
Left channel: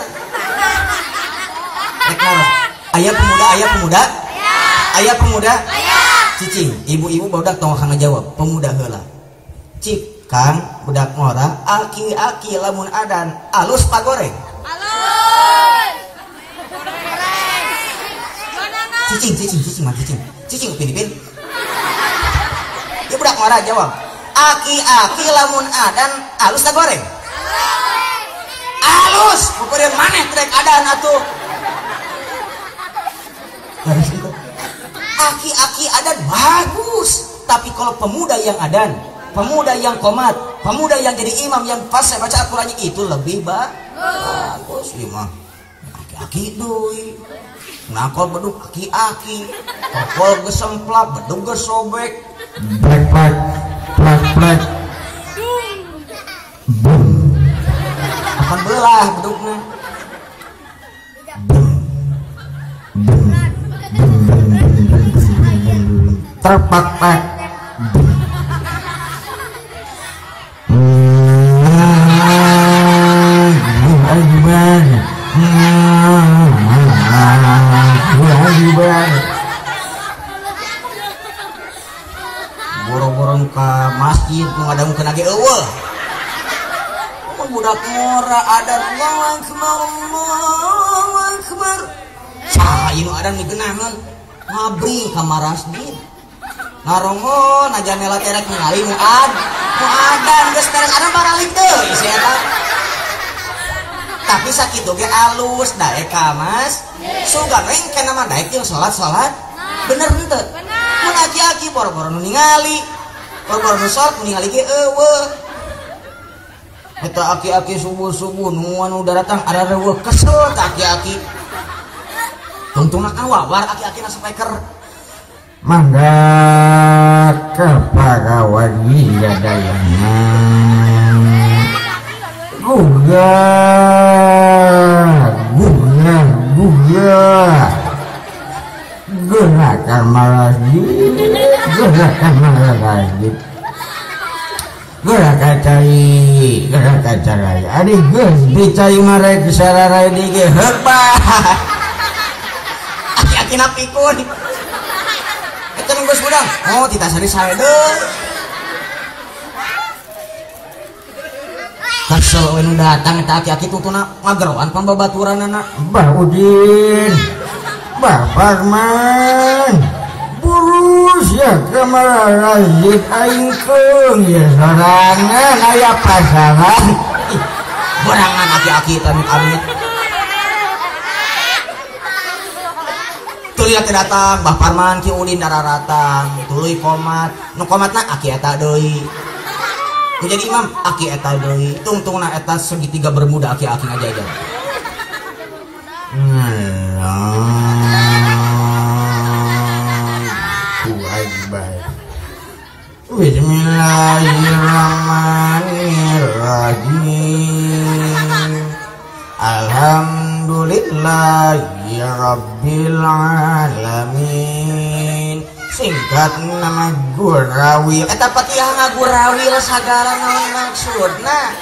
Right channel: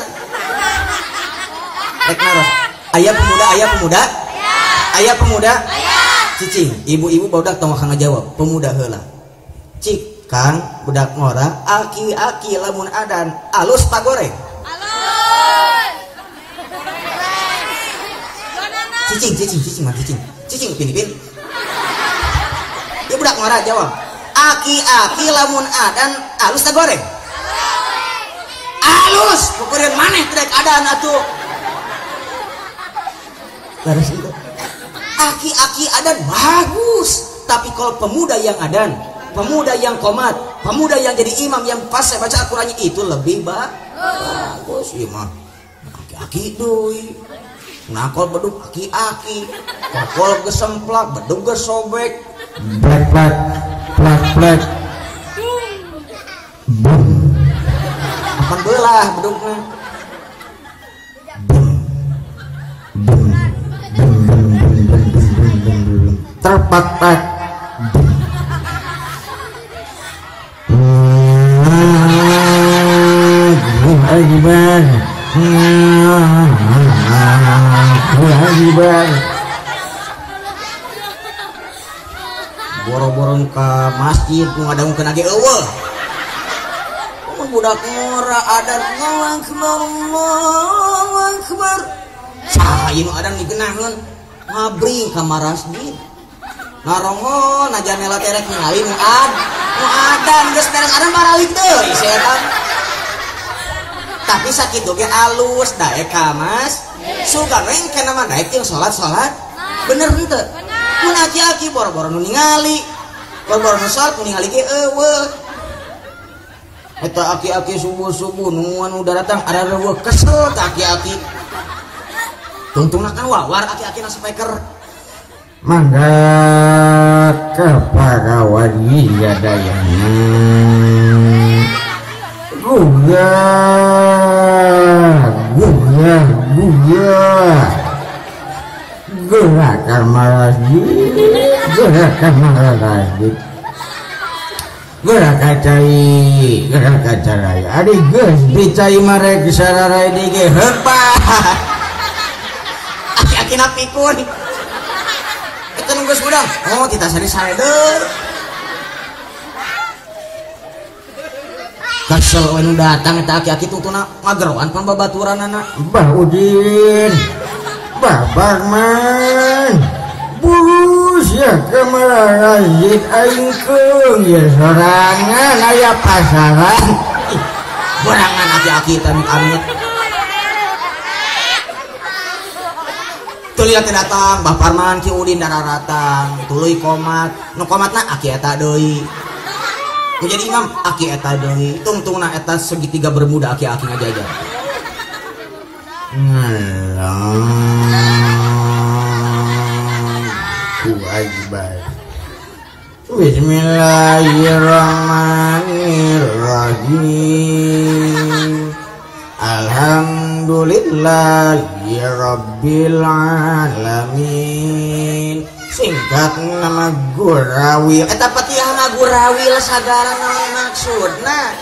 Ayah pemuda. Ayah pemuda. Cicing, ibu-ibu budak tong kang ngajawab, pemuda heula. Cik kan budak ngora, aki-aki lamun adan alus pagoreng. Alus. Cicing upin. Dia budak ngora jawab, aki-aki lamun adan alus pagoreng. Alus, pokoknya maneh budak adan atuh. Terus itu. Aki-aki adan bagus, tapi kalau pemuda yang adan, pemuda yang komat, pemuda yang jadi imam yang pas baca Al-Qur'annya itu lebih bagus. Imam aki-aki deui. Nakol bedug aki-aki. Kokol gesemplak, bedug gesobek. Plek. Bum. Akan belah bedugna. Bum. Terpatek. Boro-boro ke masjid ngadang kena ge eueuh. Budak ngora ada Allahu Akbar. Cai nu ada digeunahkeun ngabring ka marasjid. Narongon aja mela terek ngali nu adan geus beres ana baralik deui saya. Tapi sakitu ge alus daek ka Mas. Sugan we kana mah daek jeung salat. Bener henteu? Mun aki-aki boro-boro nu ningali. Boro-boro nu salat nu ningali ge eueuh. Eta aki-aki subuh-subuh nu anu datang ada reueuh kesel ka aki-aki. Tuntungna kan wawar aki-aki na speaker. Mangga kepada wajib dayana Buga Gerakan marasjid Gerakan cai Adik geus dicai marek sararai dige hepat aki-aki na pikun. Itu nunggu sedang. Oh, kita sari sadar. Kasel datang eta aki-aki tutuna ngageroan pan babaturanana. Bah Udin. Bah Parman. Bulus ya kemarajit aing keung ya sorangan aya pasaran. Sorangan aki-aki amit-amit. Tuluy ake datang, Bah Parman Ki Udin dararatang, tuluy komat, nu komatna aki eta deui. Nu jadi imam aki eta deui. Tungtungna eta segitiga bermuda aki-aki ngajaga. Bismillahirrahmanirrahim. Alhamdulillahi Rabbil Alamin. Singkat ngagurawil. Eta Fatihah ngagurawil sagala naon maksudna.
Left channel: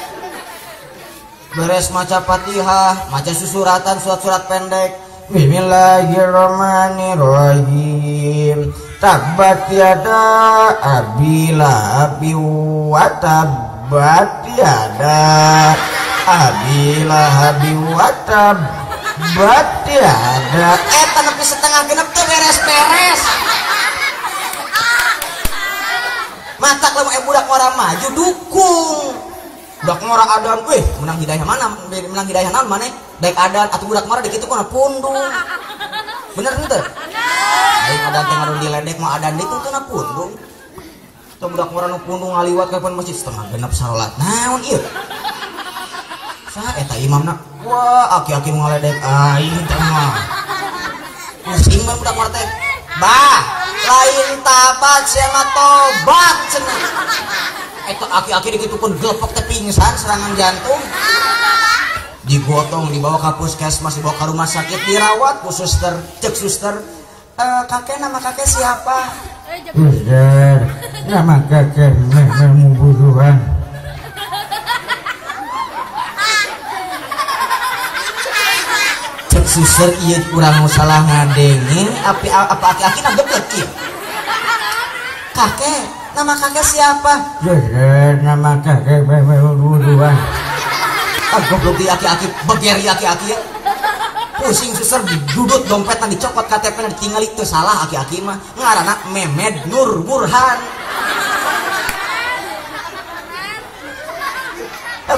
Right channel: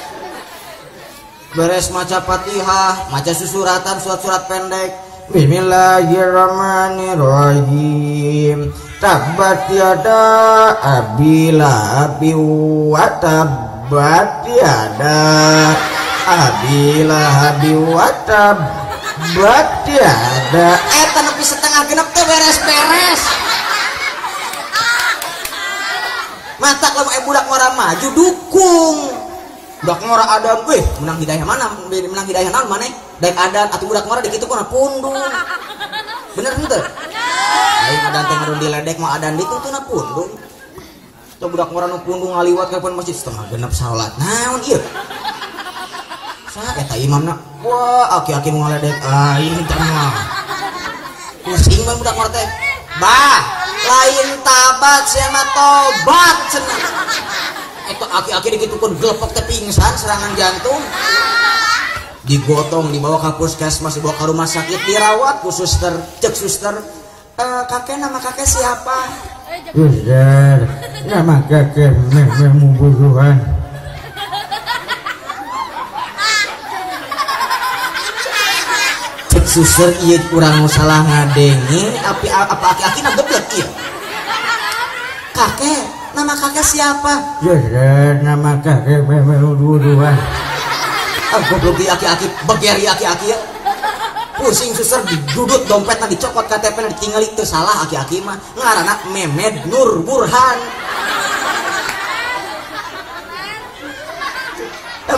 Beres maca Fatihah, maca susuratan surat-surat pendek. Bismillahirrahmanirrahim. Tabbat yada abi lahabi wa tabbat yada abi lahabi wa tabbat yada. Eta nepi setengah genep teh beres-beres. Mantak lamun budak ngora maju dukung. Budak ngora adan, weh menang hidayah mana? Menang hidayah naon maneh? Daek adan atuh budak ngora dikitu kana pundung. Bener henteu? Aing adan teh ngaruh diledek mah adan dituntuna pundung. Teu budak ngora nu pundung ngaliwat ka masjid setengah genep salat. Naon ieu? Saha eta imamna? Wah, aki-aki nu ngaledek aing teh mah. Geus imam budak ngora teh. Bah, lain tabat sia mah tobat cenah. Eta aki-aki dikitukeun glepek teh pingsan serangan jantung. Digotong dibawa ke puskesmas, dibawa ke rumah sakit, dirawat ku suster, cek suster. Kakek nama kakek siapa? Suster, nama kakek membusuhan. suster ieu urang nu salah ngadenge apa aki-aki na geblek ieu. Kakek, nama kakek siapa? Nama kakek Buruan. Goblok di aki-aki, begeri aki-aki ya. Pusing suster duduk dompetna dicopot KTP-na ditinggali teu salah aki-aki mah. Ngaranna Memed Nur Burhan.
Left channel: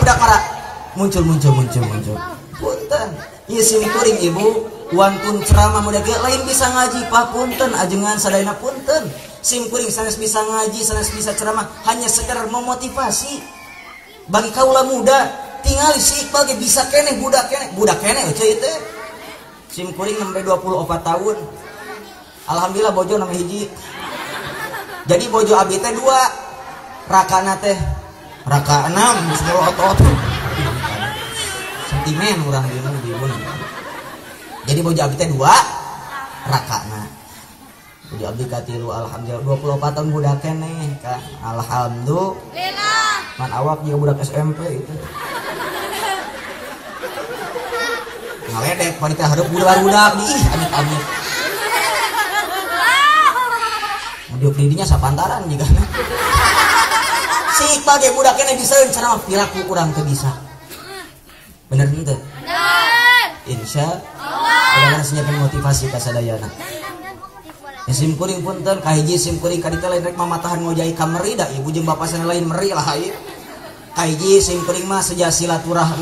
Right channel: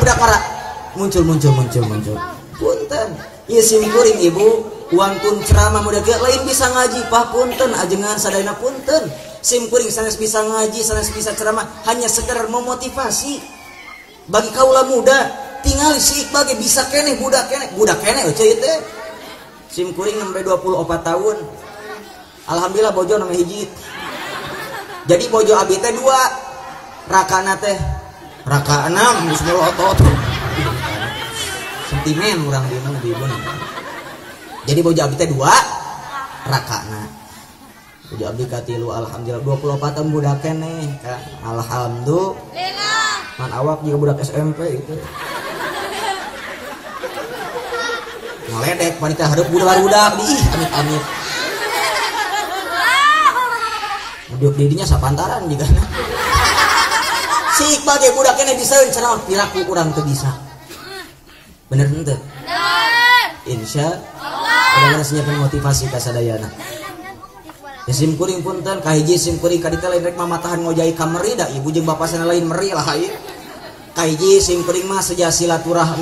Budak para muncul. Punten, ieu simkuring ibu, wantun ceramah muda ge lain bisa ngaji Pak punten, ajengan sadayana punten. Simkuring sanes bisa ngaji, sanes bisa ceramah, hanya sekedar memotivasi. Bagi kaula muda, tinggal si Iqbal ge bisa keneh budak keneh euy teh. Simkuring sampai 24 tahun. Alhamdulillah bojo nang hiji. Jadi bojo abdi teh 2. Rakana teh raka 6 semua otot. Sentimen urang bingung. Jadi bojo abdi teh 2 rakana. Bojo abdi ka 3 alhamdulillah 24 tahun budak keneh kan. Alhamdulillah. Man awak juga budak SMP itu. Ngeledek wanita hareup budak di amit-amit. Duduk di dinya sapantaran juga nah. Si Iqbal ge budak keneh diseueun cenah piraku urang teu bisa. Bener henteu? Bener. Insyaallah. Urang siapkeun motivasi ka sadayana. Simkuring punten kahiji simkuring ka ditu lain rek mamatahan ngojai ka meri da ibu jeung bapasna lain meri lah ieu. Kahiji simkuring mah seja silaturahmi